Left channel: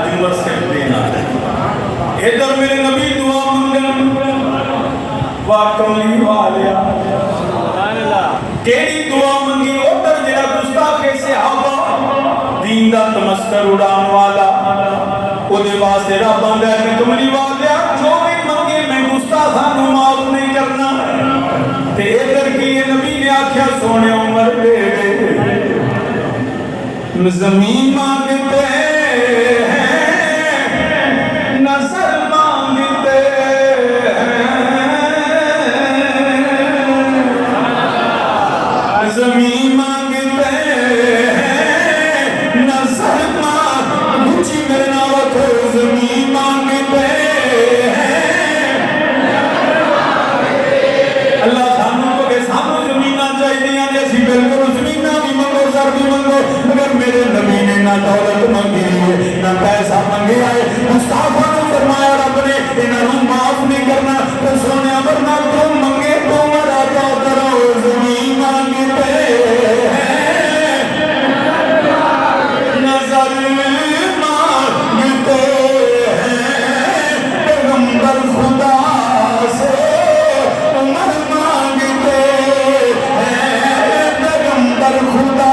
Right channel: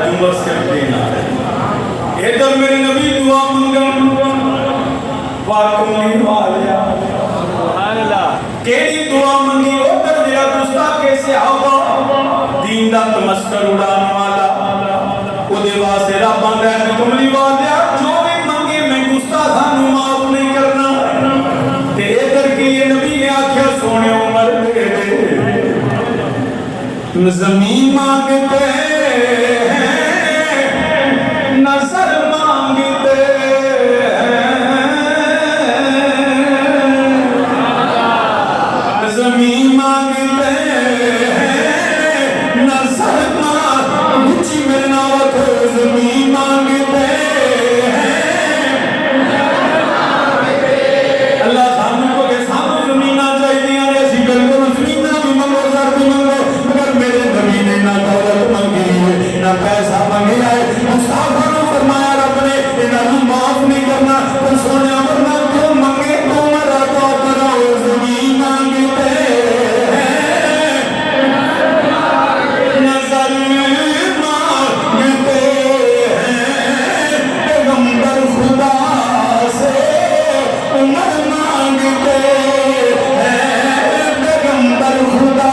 آج عمر صرف دینا ہے. ادھر میرے نبی دعا منگن واقعی والیا کیڑی دعا منگی ادھر جڑا گستاخ صحابہ دین دا تمسکر اڑان والا او دے واسطے رب آندا ہے کملی والیا جو بھی منگے میں گستاخاں نوں معاف نہیں کرنا. تے ادھر کی یہ نبی نے آکھیا سونے عمر دے دے زمین مانگتے دولت منگی ہے نہ پیسہ منگی ہے. مصطفیٰ نے فرمایا رب نے انہوں معاف نہیں کرنا تو سونے ورنہ تو منگے تو مرا تو کرو زمین مانگتے نظر مانگتے پیغمبر خدا سے عمر مانگتے پیغمبر خدا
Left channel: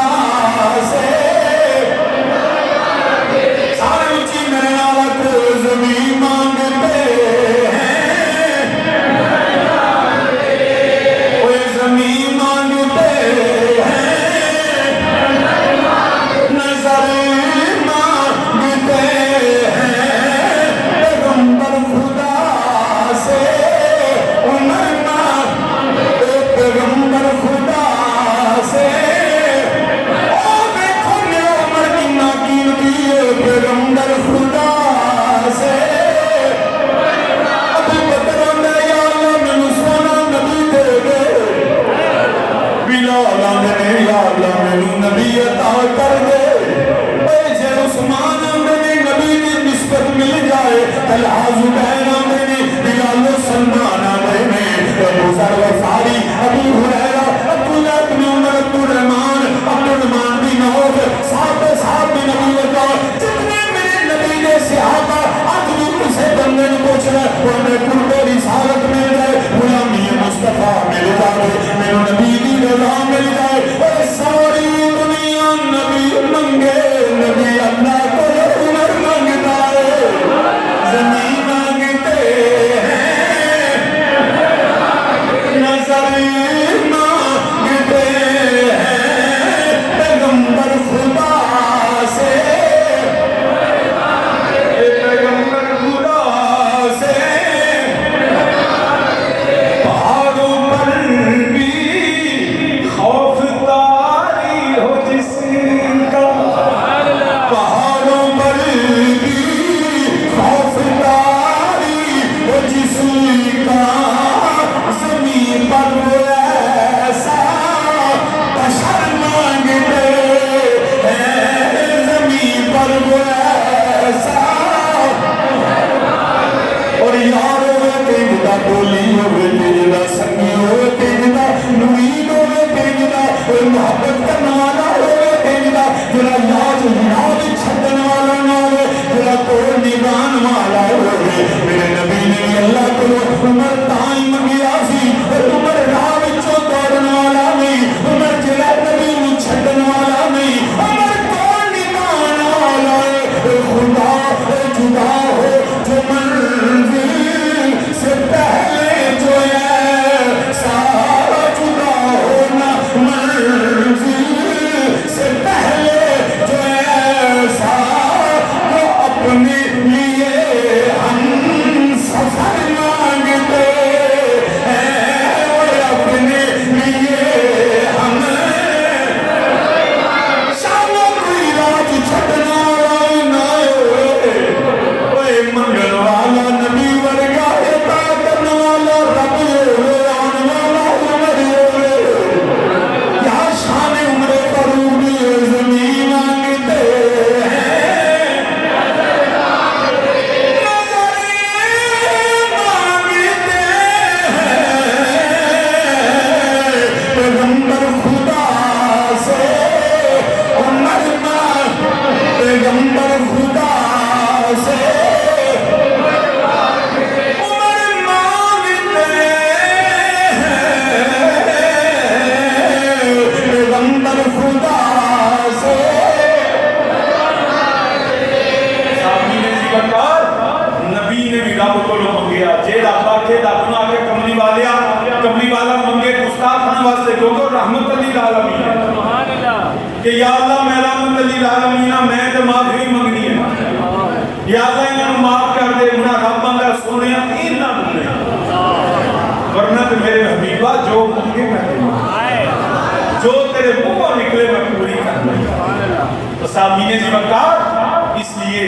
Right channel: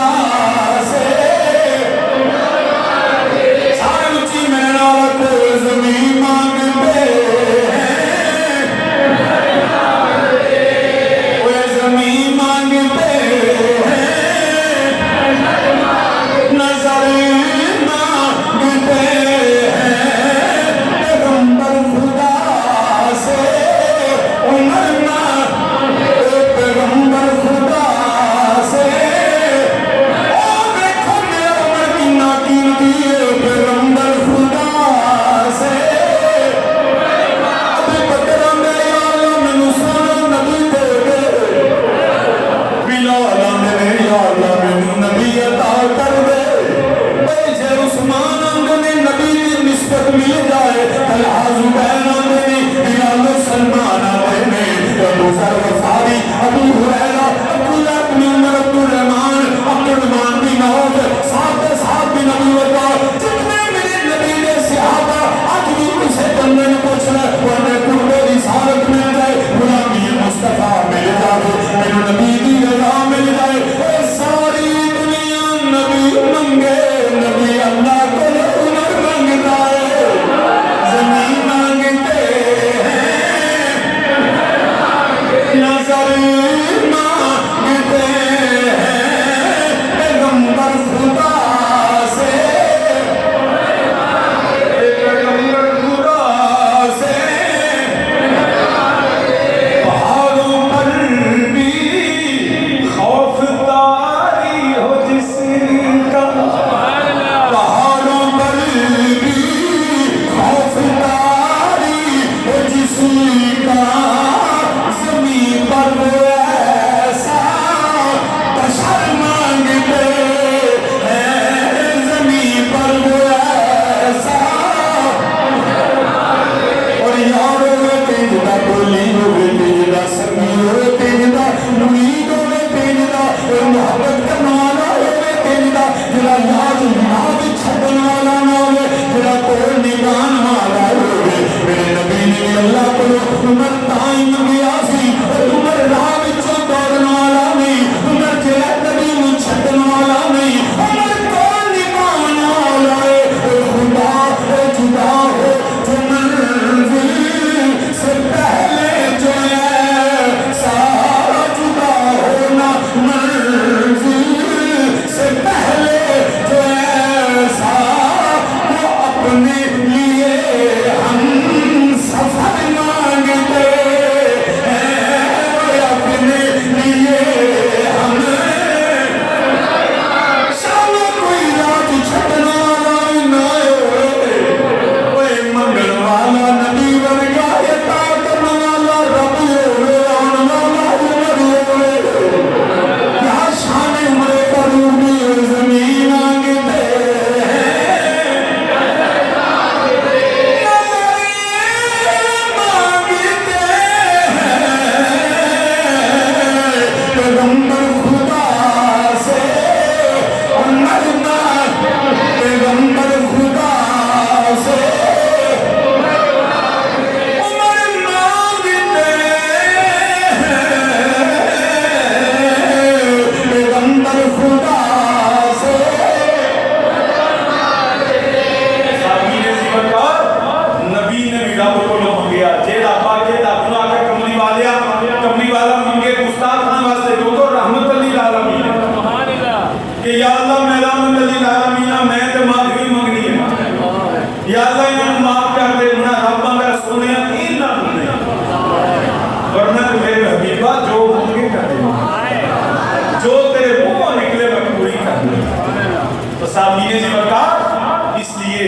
سامعین ذی وقار، اس لیے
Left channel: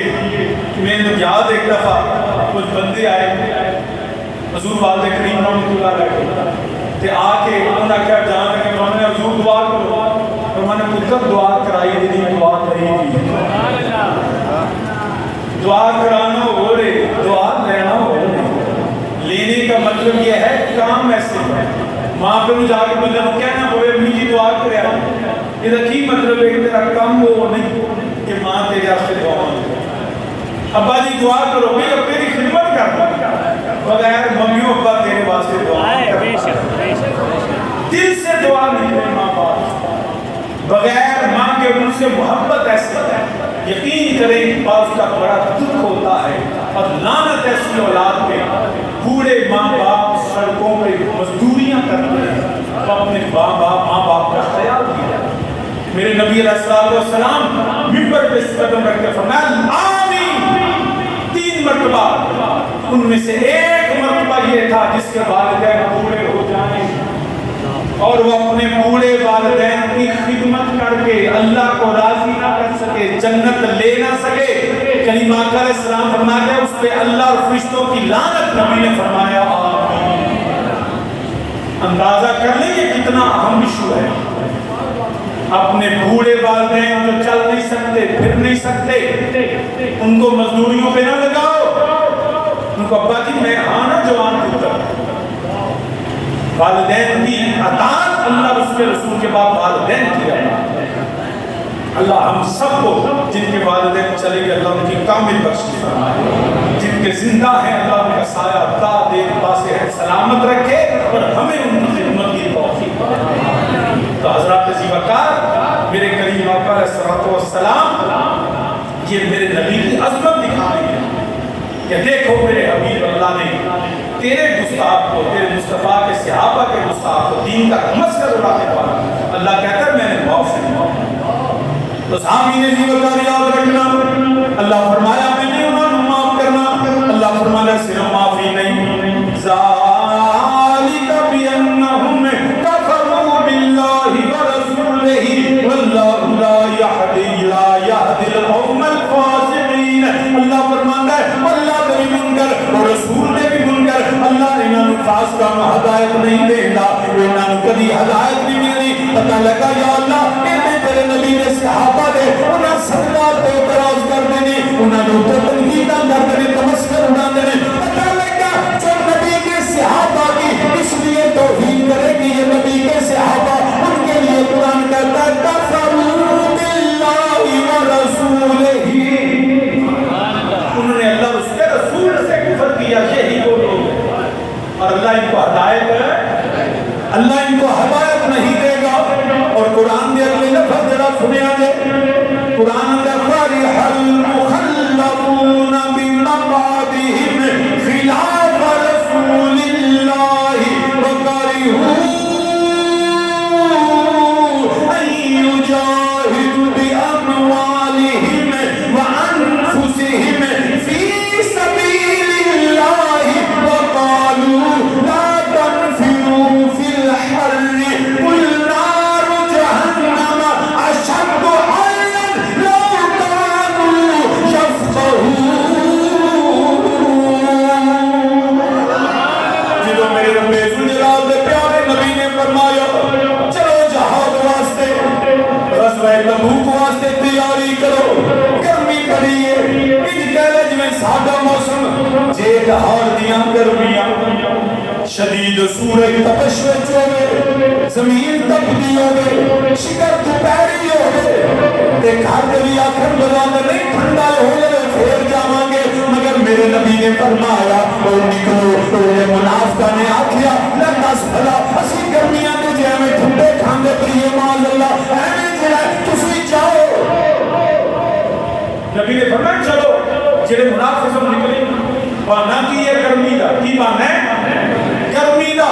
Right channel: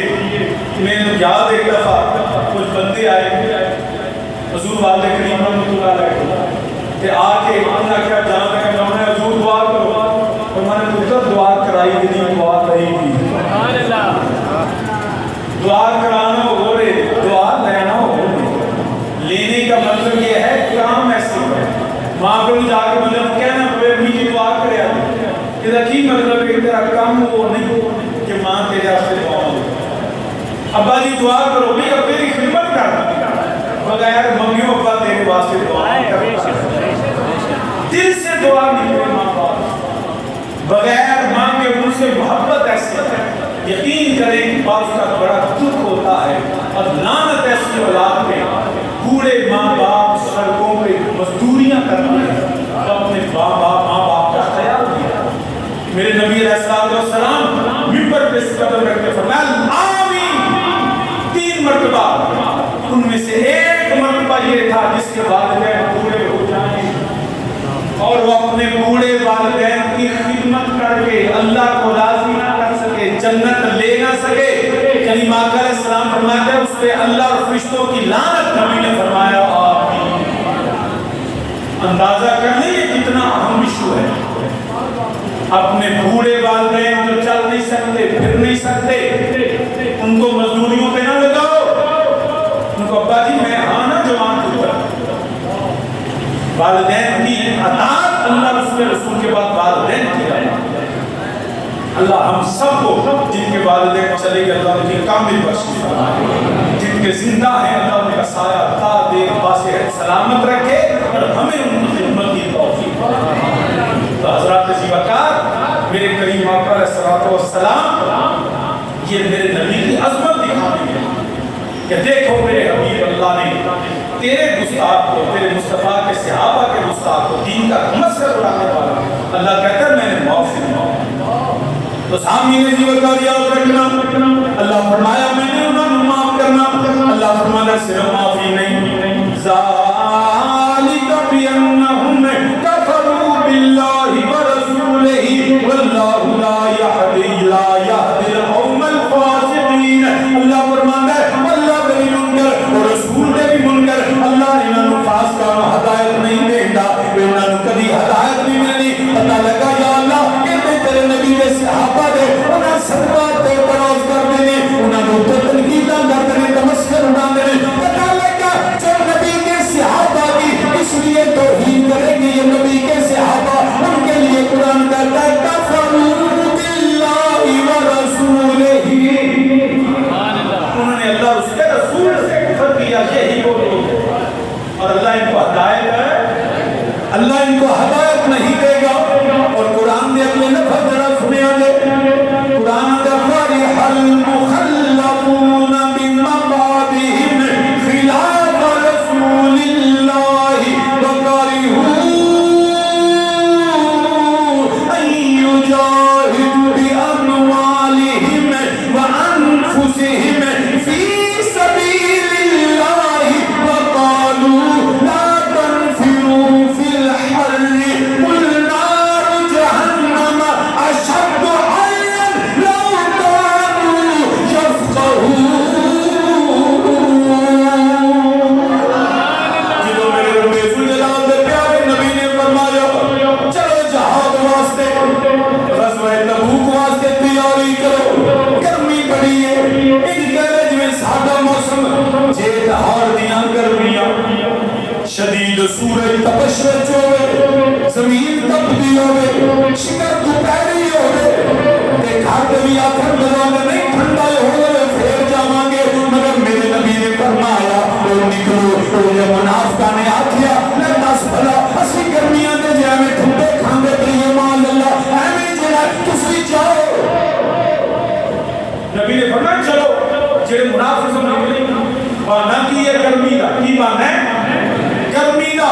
میں نے یاد ایک دفعہ کچھ بندے آئے حضور والد کریم رحمۃ اللہ علیہ تے آ کے انہوں نے کہا جہاں تک انہوں نے حضور دعا کرو، اور میں نے پوچھا دعا کرائی گئی دعا کری گئی، دعا کرانا ہو رہے دعا لینا ہو رہے، لینے کا مطلب یہ ہے کام ایسے ماں پہ جا کے مطلب کیا نہ ہوئے اپنی جی دعا کرے آئے، یہ کی مطلب ہے کہ تیرا کام وہ نہیں کہ ماں تیرے سے دعا ہو، ابا جی دعا کرو بھئی اب تیری خدمت کرنا بغیر ممیوں ابا تیرے واسطے دعا دل سے دعا نکلے ماں باپ بغیر ماں کے ان سے محبت ایسی ہے، یقین کریں بعض کا بڑا دکھ ہوتا ہے اور لعنت ایسی اولاد پہ، بوڑھے ماں باپ سڑکوں پہ مزدوریاں کرتے ہیں، اپنے ماں باپ کا خیال کیا۔ میرے نبی علیہ السلام منبر پہ قدم رکھ کے فرمایا آمین 3 مرتبہ، ان میں سے ایک مرتبہ یہ تھا جس کے والدین بوڑھے ہو جائیں اور وہ اپنے بوڑھے والدین کی خدمت کر کے اللہ کو راضی نہ کر سکے، جنت لے نہ سکے، کریم آقا علیہ السلام فرماتے ہیں اس پہ اللہ اور فرشتوں کی لعنت، نبی نے فرمایا آمین۔ اندازہ کر لیں یہ کتنا اہم ایشو ہے، اپنے بوڑھے والدین جو چل نہیں سکتے پھر نہیں سکتے ان کو مزدوریوں پہ نہ لگاؤ، ان کو ابا جی میں آنا جوان پتر، والدین کی اطاعت اللہ اس کے رسول کے بعد والدین کی اطاعت، اللہ ہم سب کو جن کے والدین چلے گئے اللہ ان کی کامل بخشش فرمائے، جن کے زندہ ہیں اللہ ان کا سایہ تا دیکھ باسے سلامت رکھے اور ہمیں ان کی خدمت کی توفیق دے۔ تو حضرات ذی وقار میرے کریم آقا علیہ السلام یہ میرے نبی کی عظمت دکھائی ہے کہ دیکھو میرے حبیب اللہ نے تیرے گستاخ کو، تیرے مصطفیٰ کے صحابہ کے گستاخ کو دین کا دھمسکر اڑانے والا اللہ کہتا ہے میں نے معاف فرمایا۔ تو سامعین ذی وقار یاد رکھنا، اللہ فرمایا میں نے انہوں نے معاف کرنا، اللہ فرمایا صرف معافی نہیں، ذالک بانہم کفروا باللہ ورسولہ واللہ لا یہدی القوم الفاسقین۔ اللہ فرماتا ہے اللہ نے بھی منکر اور رسول نے بھی منکر، اللہ نے انہوں فاسقہ کو ہدایت نہیں دیتا، انہوں کبھی ہدایت نہیں ملنی۔ پتہ لگا یا اللہ کہ تیرے نبی کے صحابہ نے انہاں صدقات پہ اعتراض کر دینے، انہاں نے اتنے تنقیداں کر دینے، تمسکر اڑا دینے۔ پتہ لگا جو نبی کے صحابہ کی اس لیے توہین کرے کہ یہ نبی کے صحابہ، ان کے لیے قرآن کہتا ہے کفروا باللہ ورسولہ، انہوں نے اللہ اس کے رسول سے کفر کیا، یہی وہ لوگ ہیں اور اللہ ان کو ہدایت ہے، اللہ ان کو ہدایت نہیں دے گا۔ اور قرآن میں اگلے لفظ ذرا سنے آجے، قرآن اندر فرح المخلفون بمقعدہم خلاف رسول اللہ وکرہوا ان یجاہدوا باموالہم وانفسہم فی سبیل اللہ وقالوا لا تنفروا فی الحر قل نار جہنم اشد حرا لو كانوا يفقهون۔ جنہوں میرے رب ذوالجلال دے پیارے نبی نے فرمایا چلو جہاد واسطے غزوہ تبوک واسطے تیاری کرو، گرمی بڑی ہے، ایک گیرج میں سادہ موسم جیٹ ہار دیاں گرمیاں، شدید سورج تپش وچ ہوئے، زمین تپدی ہوئے، شکر دوپہری ہوئے، تے گھر بھی آکھن بجانے نہیں ٹھنڈا ہوئے پھر جاواں گے، مگر میرے نبی نے فرمایا تو نکلو، تو یہ منافقہ نے آکھیا لے دس بھلا اسی گرمیاں دے جے میں ٹھنڈے کھاندے پئیے مال اللہ ایویں جڑا تسی جاؤ۔ نبی نے فرمایا چلو جڑے منافق نکلی بہانہ کی یہ گرمی دا، کی بہانہ ہے گرمی دا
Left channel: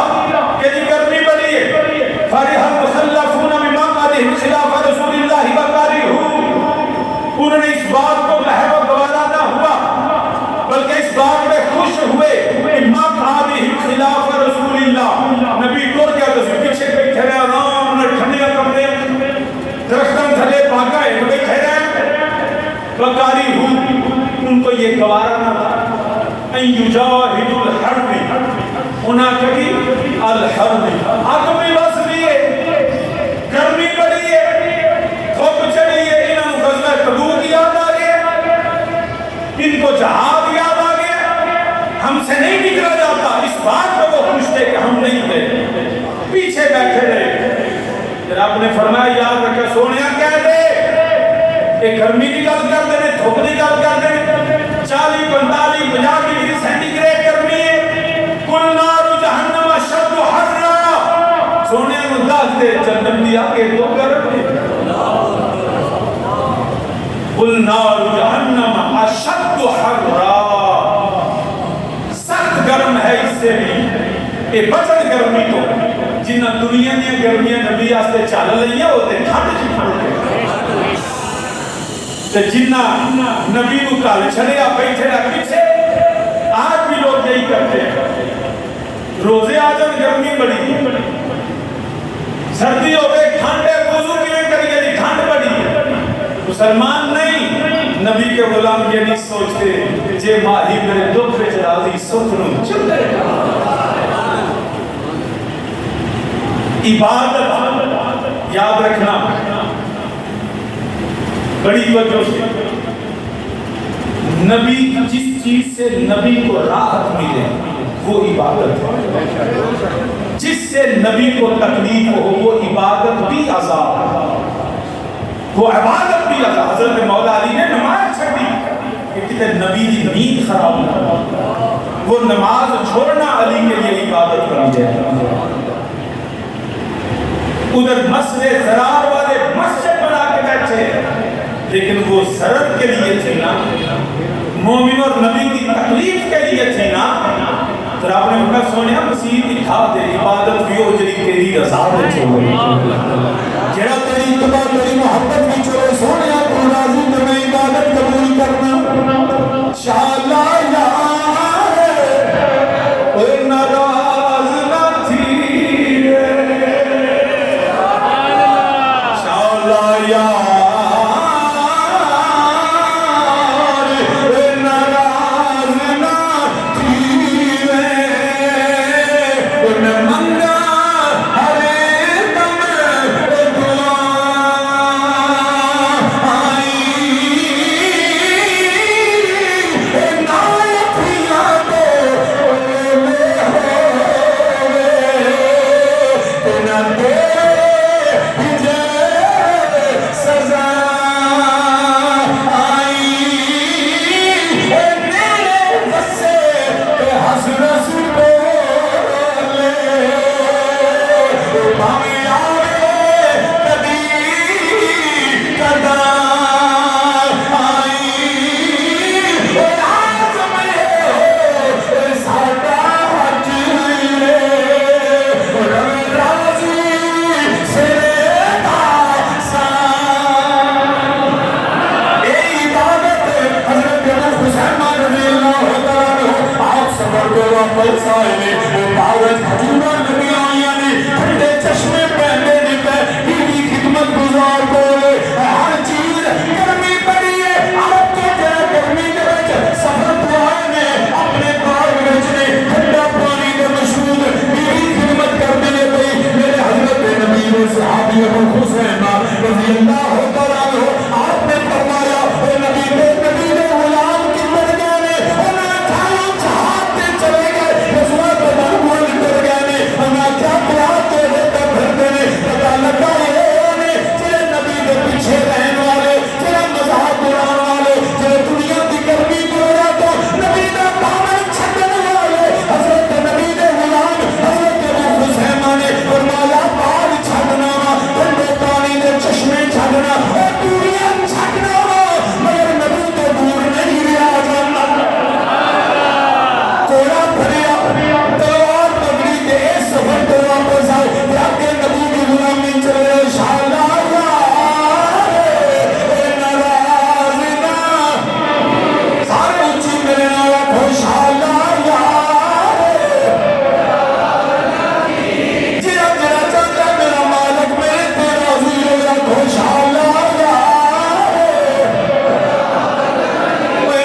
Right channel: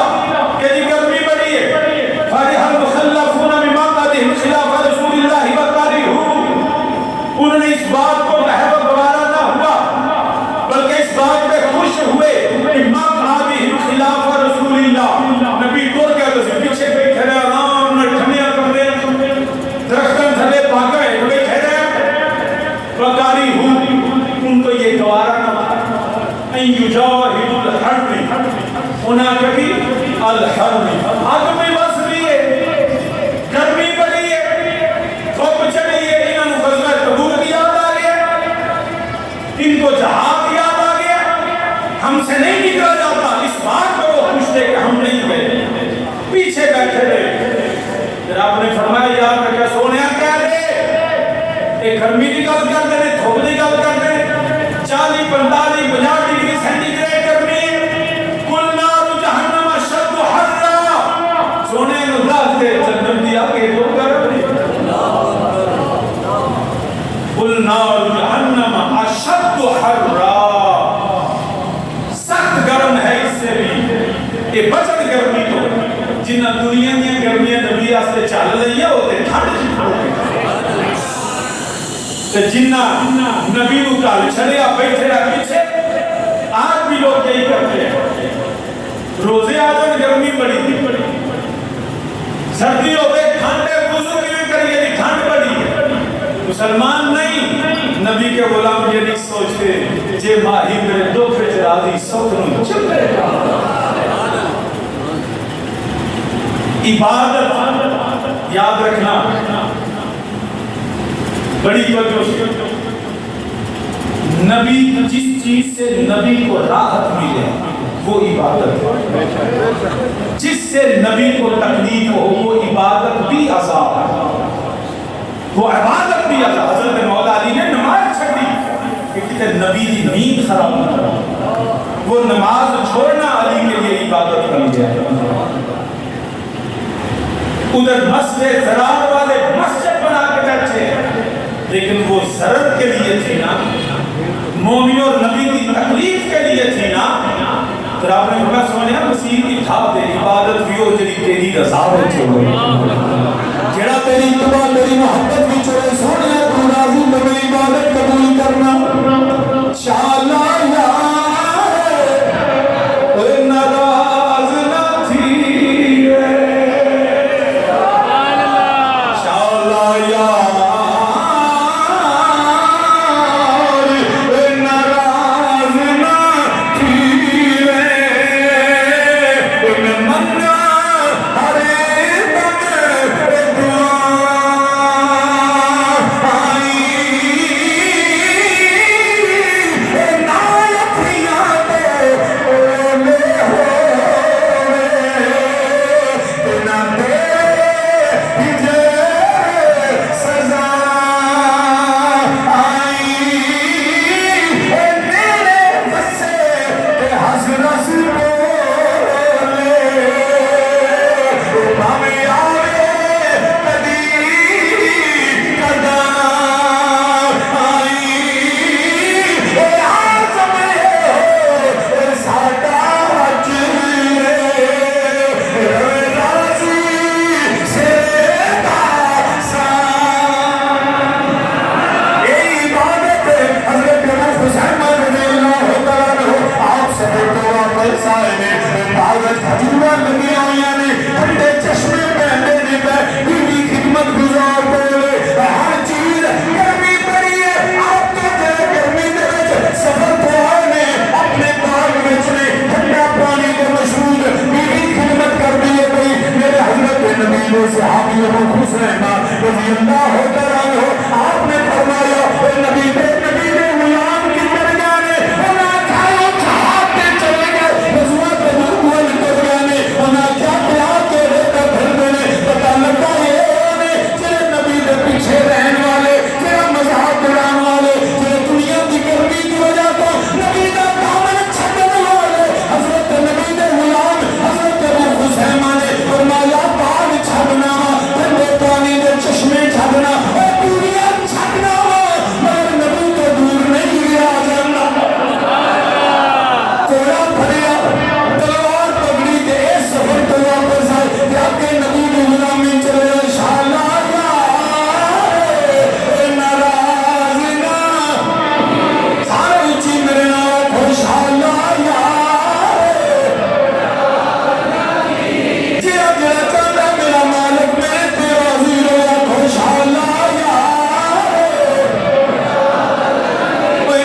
کہ جی گرمی بڑی ہے، فرح المخلفون بمقعدہم خلاف رسول اللہ وکرہوا، انہوں نے اس بات کو محب و گوارا نہ ہوا بلکہ اس بات پہ خوش ہوئے کہ مقعدہم خلاف رسول اللہ، نبی کو کیا تو پیچھے پہ کھڑے آرام نے ٹھنڈیاں کمرے درختوں تھلے بھاگا ہے تو بیٹھے رہے ان کو یہ گوارا نہ تھا ان یجاہد الحرب انہاں کبھی الحرب آگ میں بس لیے گرمی پڑی ہے دھوپ چڑھی ہے انہوں غزوہ تبوک یاد آ گیا ان کو جہاد یاد آ گیا ہم سے نہیں نکلا جاتا اس بات پر وہ خوش تھے کہ ہم نہیں گئے پیچھے بیٹھے رہے پھر آپ نے فرمایا یاد رکھا سونیا کیا دے ایک گرمی کی گل کر دیں دھوپ کی گل کر دیں 40 45 50 ڈگری سینٹی گریڈ گرمی ہے کل نار جہنم اشد حرا سونے انداز دے جنم دیا کہ تو گرم ہے کل نار جہنم اشد حرا سخت گرم ہے اس سے بھی یہ بچن گرمی تو جنہ دنیا دیا گرمیاں نبی آستے چال لئیے ہوتے تھاڑے جی پڑھتے جنہ نبی نو کال چھڑے آپ بیٹھے رہا پیچھے آج بھی لوگ یہی کرتے ہیں روزے آجن گرمی بڑی سردی ہوئے کھانڈے وضو کی میں کریے دی کھانڈ بڑی مسلمان نہیں نبی کے غلام یہ نہیں سوچتے جے ماہی میرے دو پھر راضی سکروں چل رہے عبادت یاد رکھنا بڑی وجہ سے نبی جس چیز سے نبی کو راحت ملے وہ عبادت ہے جس سے نبی کو تکلیف ہو وہ عبادت بھی عذاب ہے وہ عبادت بھی عذاب حضرت مولا علی نے نماز چھڑی کہ کتے نبی دی نیند خراب نہ وہ نماز چھوڑنا علی کے لیے عبادت بن گیا ادھر مسجد زرار والے مسجد بنا کے بیٹھے لیکن وہ ضرر کے لیے تھی نا مومن اور نبی کی تکلیف کے لیے تھی نا تو آپ نے کہا سونیا مسیح کی تھا دے عبادت بھی ہو جلی تیری رضا میں چھوڑے جڑا تیری اتباع تیری محبت بھی چھوڑے سونیا تو راضی تمہیں عبادت قبول کرنا شاءاللہ یار اے ناراض نہ تھی شاءاللہ یار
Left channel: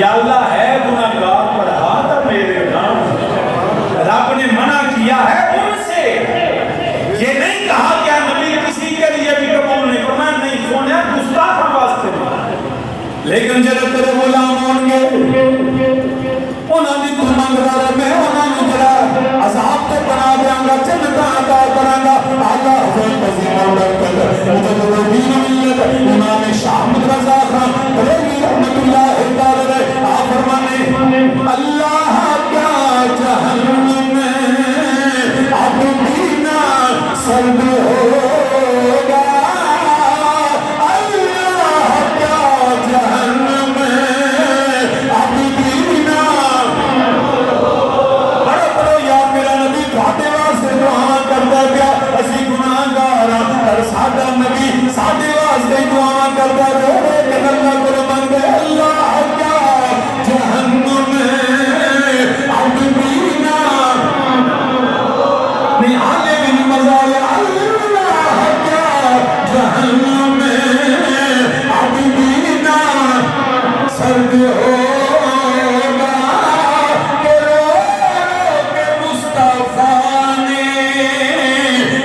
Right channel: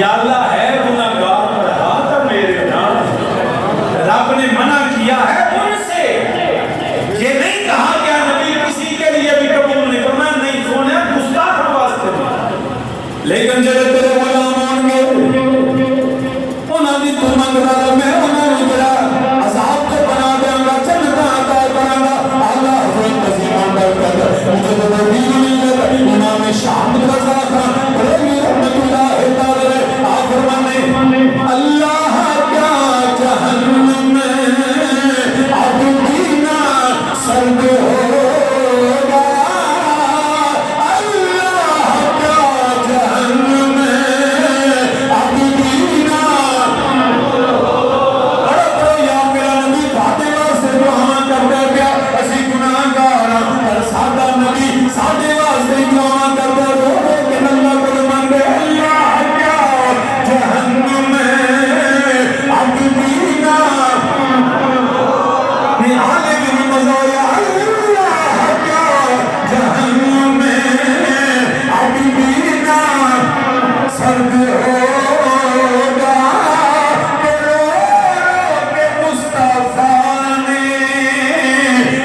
یا اللہ ہے گناہگار پر ہاتھ میرے نام، رب نے منع کیا ہے ان سے، یہ نہیں کہا کہ نبی کسی کے لیے بھی قبول نہیں فرمایا، نہیں سونے گستاخ واسطے نہیں، لیکن جڑے تیرے غلام ہون گے انہاں دی تو منگ رہا میں انہاں نوں جڑا عذاب تے بنا دیاں گا، جنت عطا کراں گا۔ اللہ حضرت عظیم القدر مجدد دین ملت امام شاہ احمد رضا خان بریلوی رحمۃ اللہ تعالی آپ فرمانے اللہ کا جہنم میں اب پینا سرد ہوگا، اللہ کا جہنم میں اب پینا بڑے یا میرا نبی بھاٹے واسطے دعا کرتا پیا، اسی گناہگار اور سادہ نبی ساڈے واسطے دعا کرتا رو رو کے اللہ کو منگے اللہ کیا جہنم میں اب پینا نہیں آنے بھی نہیں مزہ آیا، اللہ کیا جہنم میں اب پینا سرد ہوگا، کہ رو رو کے مصطفیٰ نے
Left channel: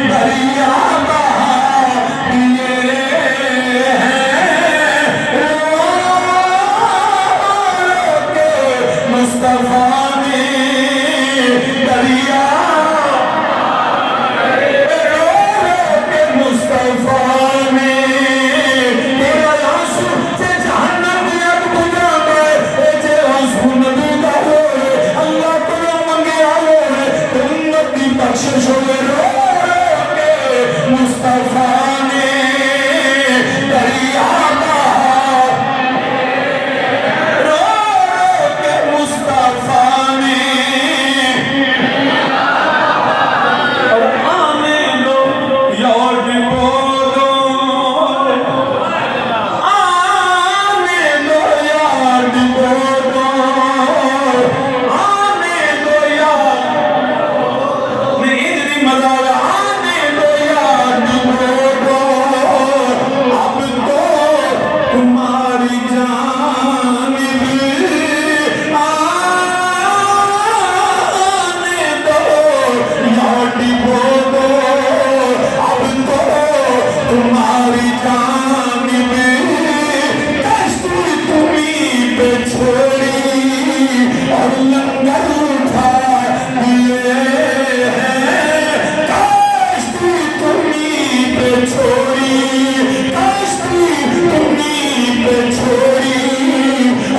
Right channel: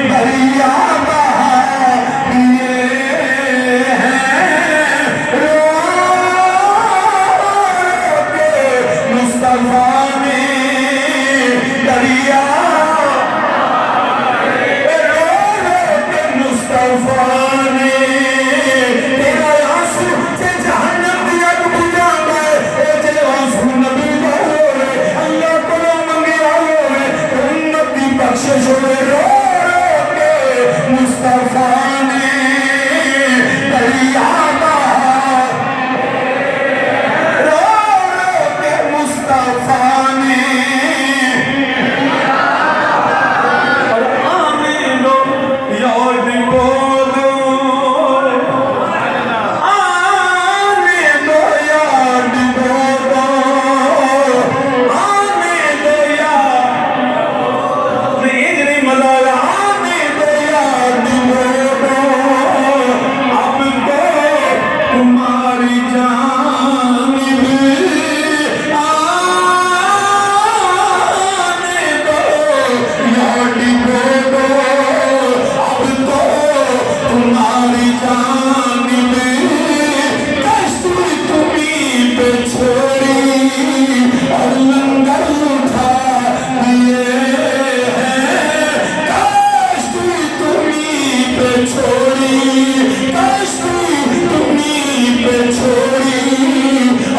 دریا بہا دیے ہیں، رو رو کے مصطفیٰ نے دریا مصطفیٰ نے تیرا آنسو سے جہنم دیا بجھا دے، اے جے آنسو نبی کا ہوئے اللہ کو منگے ہوئے امت کی بخشش ہوئے، رو رو کے مصطفیٰ نے دریا بہا، رو رو کے مصطفیٰ نے تمہاری جانب آنے دو یا ڈبو دو، اب تو تمہاری جانب کشتی تمہیں پہ چھوڑی اور لنگر اٹھا دیے ہیں، کشتی تمہیں پہ چھوڑی، کشتی تمہیں پہ چھوڑی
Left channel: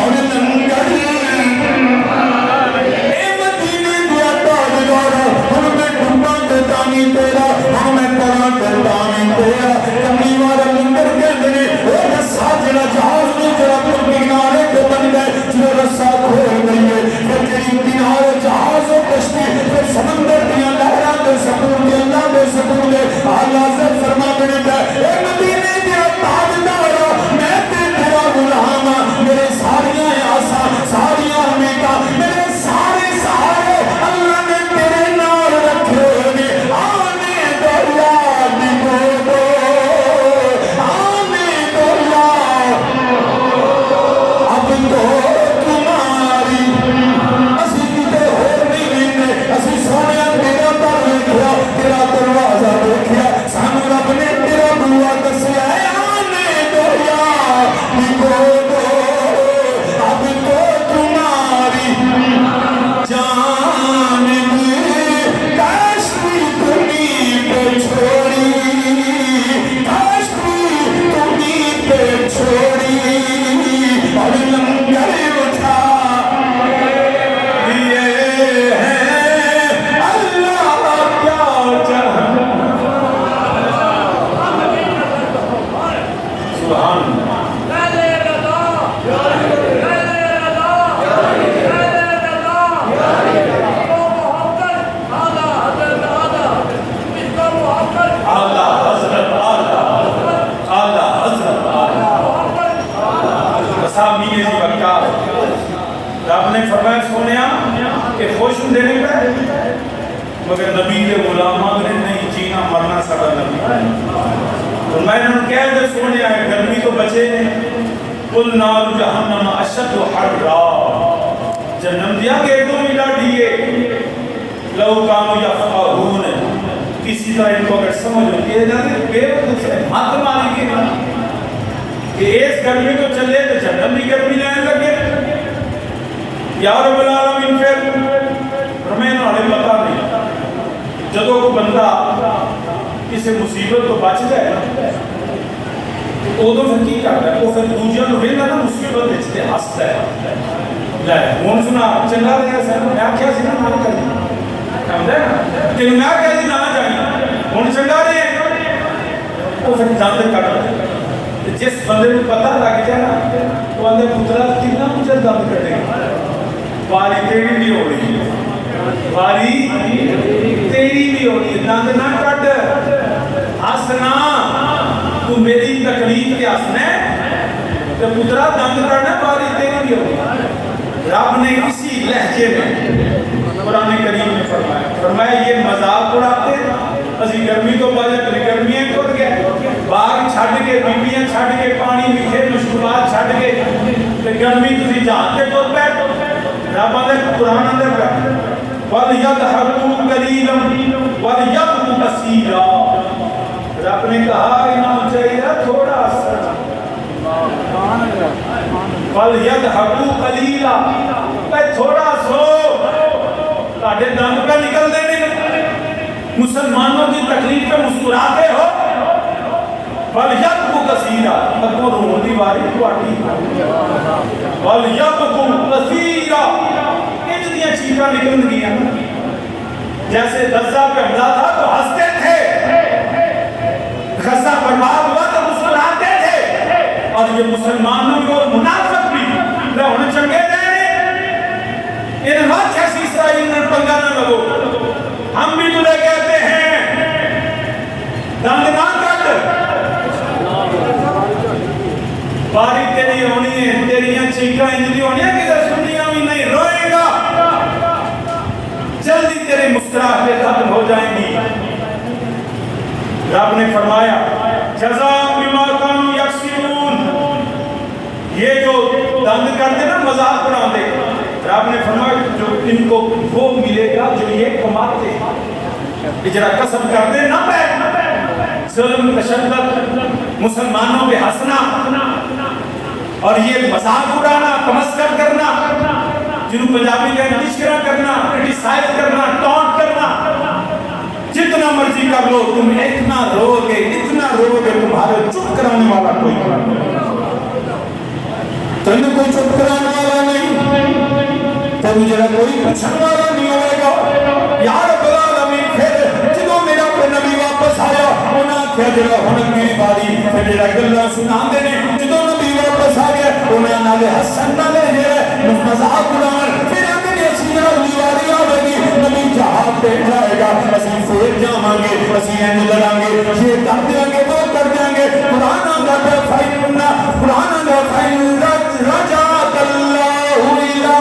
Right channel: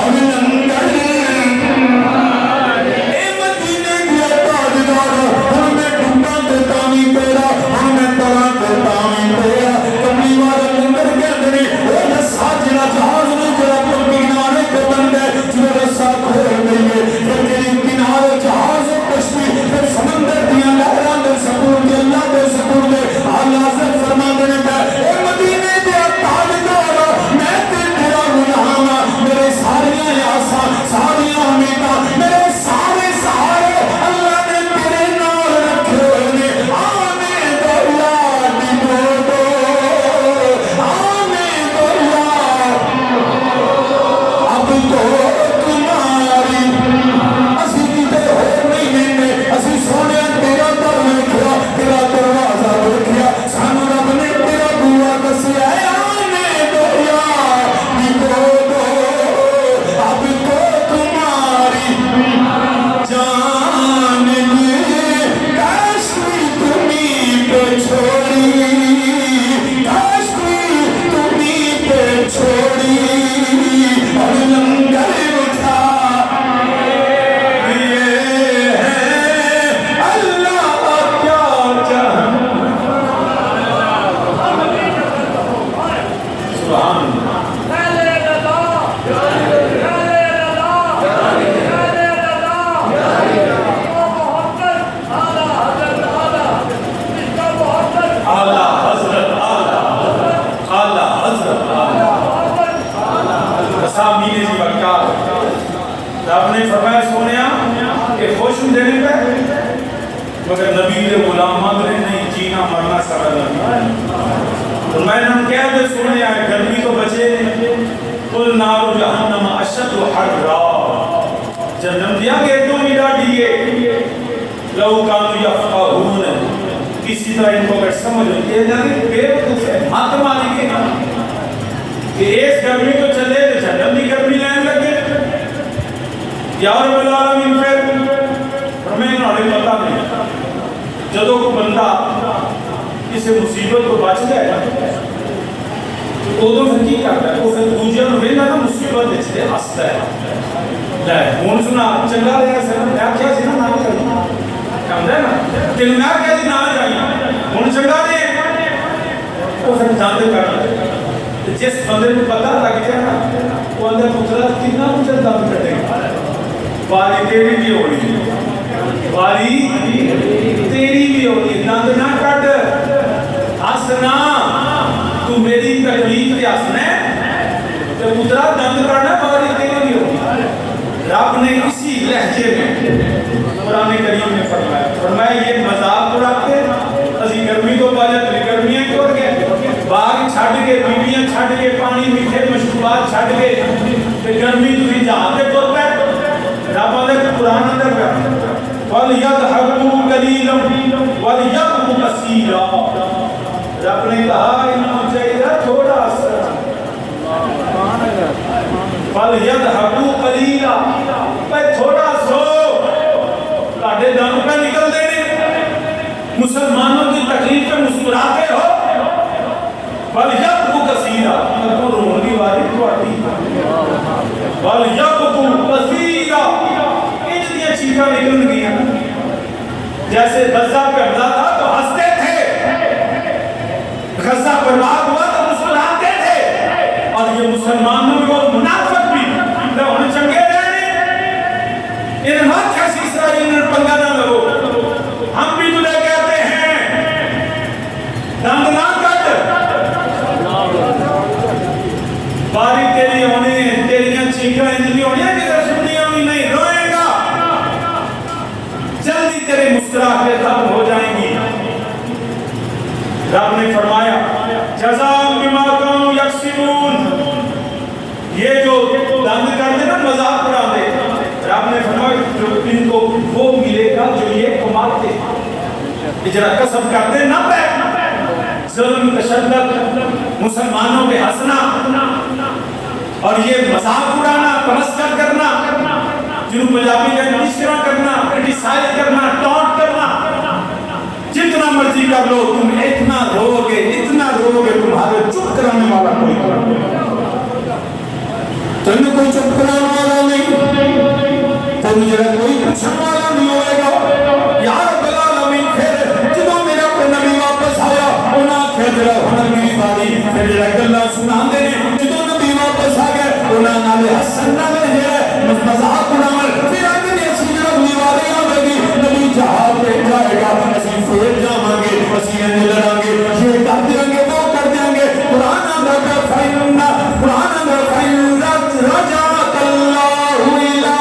اور لنگر، اے مدینے دیا تاجدارا ہم میں ڈوبا دیتا نہیں تیرا، ہم میں تڑا دیتا نہیں تیرا، کملی والا لنگر کہتے نے اے رسا جڑا جہاز نے جڑا تم کنارے پہ بن گئے، جو رسا کھول دئیے پھر جڑی کنارے جہاز و کشتی پھر سمندر دیا لہران دے سکون دے اللہ دے سکون دے آل حضرت فرما دینے کا اے مدینے دیا تاجدارا میں تیرا غلام میرے ساریاں آسا ساریاں امیدہ میرے سارے سہارے اللہ نے تیرے نال رکھے نے، آنے دو یا ڈبو دو، آنے دو یا اب تو تمہاری اسی کتے ہو نہیں ملنے، اسی سونے تیرا در دیکھیا تیرا دروازہ دیکھیا سانو رب نے تیرا بوا دسیا، آنے دو یا ڈبو دو، اب تو تمہاری جانب کشتی تمہیں پہ چھوڑی، کشتی تمہیں پہ چھوڑی اور لنگر اٹھا دیے ہیں، اللہ کیا جہنم، سبحان اللہ۔ اعلیٰ حضرت اعلیٰ حضرت اسامی جی بکار رب نے فرمایا سونیا کہ خوش ہوں دینے پہ مگر نبی کے غلامات نے نہیں جینا مرنا سارا نبی، تو میں نے کہہ دے سونیا گرمی تو بچے قل نار جہنم اشد حرا جنم دیا گیٹوں میں ڈاڈیے لو کام یفقہون کسی طرح ان کو اگر سمجھ ہوتی ہے جنہیں بیوقوف ہے مات مانی کے کہ اس گرمی کو چلے تو جنم دی گرمی لین لگے یا رب العالمین پھر ہمیں انہوں پتا نہیں جدو کو بندہ کسی مصیبت کو بچ جائے تو ادو پھر کی کرتا ہے وہ پھر دوجیاں نو ویلا نا مصیبت بچتے ہستا ہے لے ہوں سنا چنگا رہا سر میں آخیا سی نا نہ کرنا کم ہے نا تینوں میں آخیا سی نہ جائیں ہوں چنگا رہے وہ پھر جانتے کرتا ہے جس بندے کو پتا لگ جائے نا وہ اندر پترا کتنا مجھے دند کٹے گا باری تیری بھی ہو رہی ہے باری تیری بھی ہو رہی ہے دند نہ کٹ ہسنا تو میری تکلیف کے ہسنا ہے تو پترا دند کٹنا باری تیری بھی ہو رہی ہے رب نے اسی لہجے میں قرآن کریم میں فرمایا یہ مذاق اڑاتے اسی گرمی تو باجا تری گرمیاں توڑ گئے باغ چھڑ کے بیبیاں چھڑ کے پانی میٹھے مشروبات چھڑ کے گرمی تسی جہاں تے ٹر پے رب نے قرآن اندر پہ وَلْيَضْحَكُوا قَلِيلًا وَلْيَبْكُوا كَثِيرًا رب نے کہا انہوں چاہیے تھوڑا سا وَلْيَضْحَكُوا قَلِيلًا پہ تھوڑا سو تاڑے دانت پہ نکل دینے مسلمانوں کی تکلیف پہ مسکراتے ہو وَلْيَبْكُوا كَثِيرًا اب وہ روح دی واری تو آتی وَلْيَبْكُوا كَثِيرًا اتنی چیزیں نکل گئی جیسے غزہ پہ حملہ تھا تو ہنستے تھے غزہ برباد ہوا تو مسکراتے تھے اور یہ مسلمانوں کو منافق بھی لے انہیں چنگے رہنے انہیں بات کیسی اسرائیل نے پنگا نہ لگو ہم بھی تلے کہتے ہیں دند نہ کٹ باری تیری ہونی ہے تیریاں چیکاں انجلی ہونی ہے کسے سنیاں بھی نہیں روئے گا جلدی تیرے مسکراہٹیں ختم ہو جائیں گی رب نے فرمایا جزاء بما كانوا یکسبون یہ جو دند کرتے نا مذاق بنا دے رب نے فرمایا جو ان کو وہ ملے گا جو یہ کماتے اجرا قسم کرتے نہ پہ ظلم تشدد مسلمانوں پہ ہنسنا اور یہ مذاق اڑانا تمسکر کرنا جنہوں پنجابی کا تذکرہ کرنا کرٹیسائز کرنا ٹونٹ کرنا جتنا مرضی کر لو تم اتنا رو گے تمہارے چپ کرانے والا کوئی تم کوئی چپ کرانے والا نہیں تم جڑا کوئی پوچھنے والا نہیں ہوئے گا یا رب العالمین پھر جدوں میرا کوئی نبی واپس آیا انہاں کیا جڑا ہن میری باری پھر جڑا گلاں سناندے نے جدوں نبی واپس آ گئے انہاں نالے حسن نالے مذاق اڑاون پھر اگلی سینہ دیواری آ گئی نبی جہاد پہ جائے گا اسی پھر جاواں گے اسی انج لڑاں گے یہ کر دیں گے وہ کر دیں گے قرآن اندر فائلنا قرآن اندر فائلنا رجعت اللہ الہ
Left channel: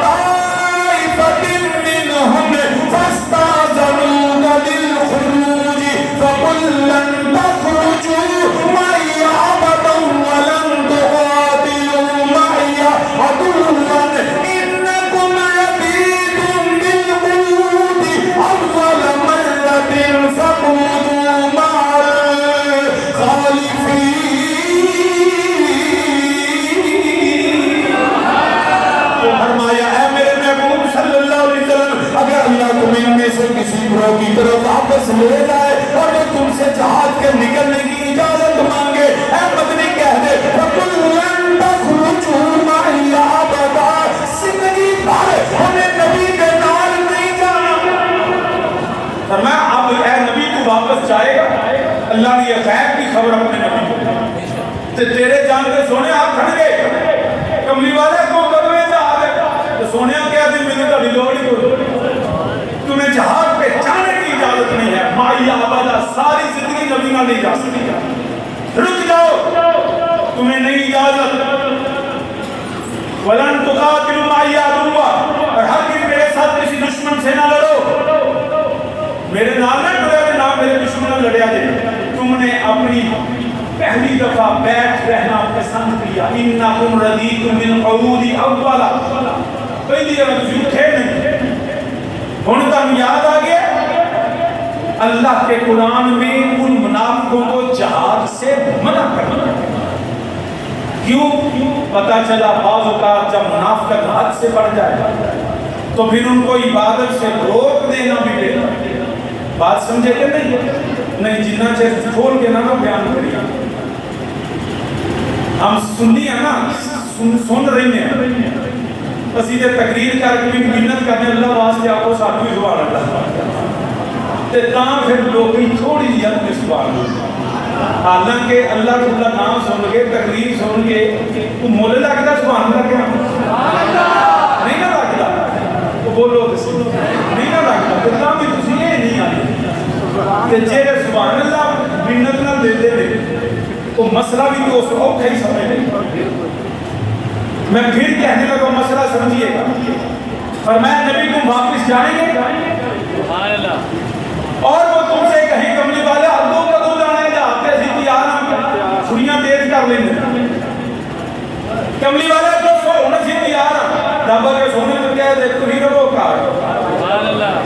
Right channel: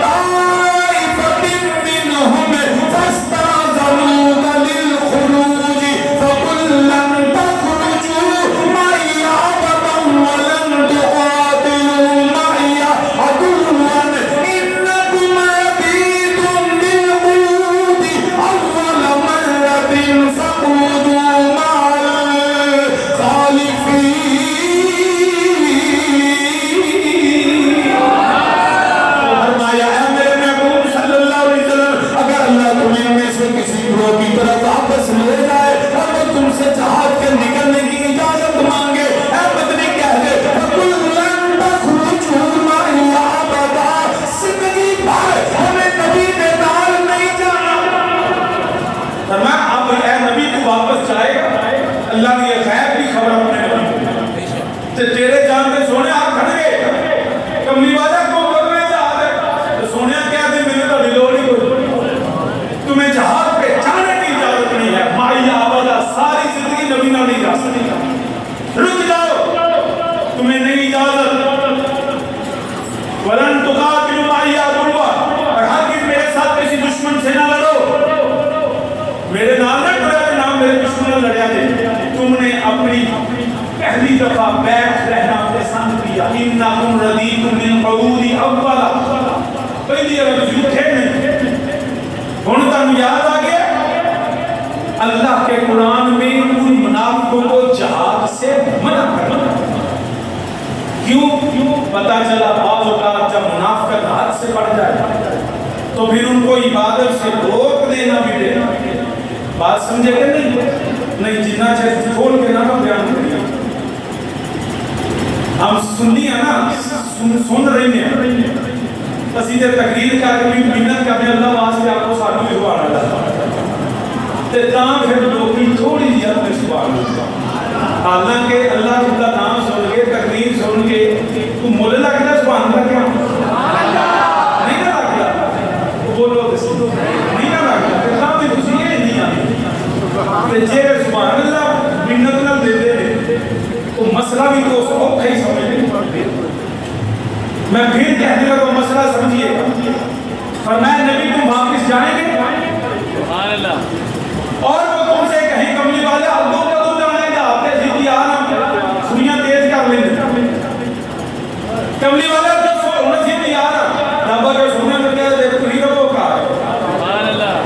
طائفۃ منہم فاستاذنوک للخروج فقل لن تخرجوا معی ابدا ولن تقاتلوا معی عدوا انکم رضیتم بالقعود اول مرۃ فقعدوا مع الخالفین کی طرف واپس لے جائے اور وہ تم سے جہاد کے نکلنے کی اجازت مانگے اے مدنی کہہ دے فَقُلْ تَخْرُجُوا مَعِيَ أَبَدًا زندگی بھر ہمیں نبی کے نال نہیں جانا فرمایا اب اے نبی تو واپس جائے گا اللہ نے یہ غیب کی خبر اپنے نبی کو تو تیرے جان پہ سونے ہاتھ کھڑ گئے کملی والا کو کرنے جہاد ہے تو سونے کیا دے میں نے تھوڑی لوڑ ہی کوئی تمہیں جہاد پہ جانے کی اجازت نہیں ہے مائی آبادہ ساری زندگی نبی نہ نہیں جا سکتی رک جاؤ تمہیں نہیں اجازت وَلَن تُقَاتِلُوا مَعِيَ عَدُوًّا اور ہر دن میرے ساتھ کسی دشمن سے نہ لڑو میرے نام نہ ڈریا کہ نام میرے دشمن نہ لڑیا کہ تم نے اپنی پہلی دفعہ بیٹھ رہنا پسند کیا اِنَّكُمْ رَضِيتُمْ بِالْقَعُودِ أَوَّلًا پہلی بار تسی اٹھے نہیں، ہن تم یاد آ گیا۔ اللہ کے قرآن میں ان منافقوں کو جہاد سے منع کرنا، کیوں؟ پتہ چلا بعض اوقات جب منافقت حد سے بڑھ جائے تو پھر ان کو عبادت سے روک دینا بھی دینا۔ بات سمجھے کہ نہیں جنہ چیز کھول کے نہ بیان کریے، ہم سننی ہے نا، سن رہی ہیں اسی دے تقریر کر کے محنت کرنے اللہ واسطے آپ کو ساتھ بھی سبحان اللہ تے تاں پھر لوگی تھوڑی جی حد میں سبحان اللہ، حالانکہ اللہ تعالیٰ نام سن کے تقریر سن کے تو مول لگتا سبحان اللہ کیا نہیں نہ لگتا، بولو نہیں نہ لگتا تو تاں بھی تسی یہ نہیں آتے تے جے سبحان اللہ محنت نہ دے دے تو مسئلہ بھی تو اس کو کہیں سمجھ نہیں۔ میں پھر کہنے لگا مسئلہ سمجھیے گا، فرمایا نبی تم واپس جائیں گے اور وہ تم سے کہیں کملی والے اب تو کدو جانے جاتے سیدھی آنا چھڑیاں تیز کر لیں گے، کملی والے دسو انہیں سیدھی آنا ربا کے سونے میں کہہ دے تو ہی ربو کہا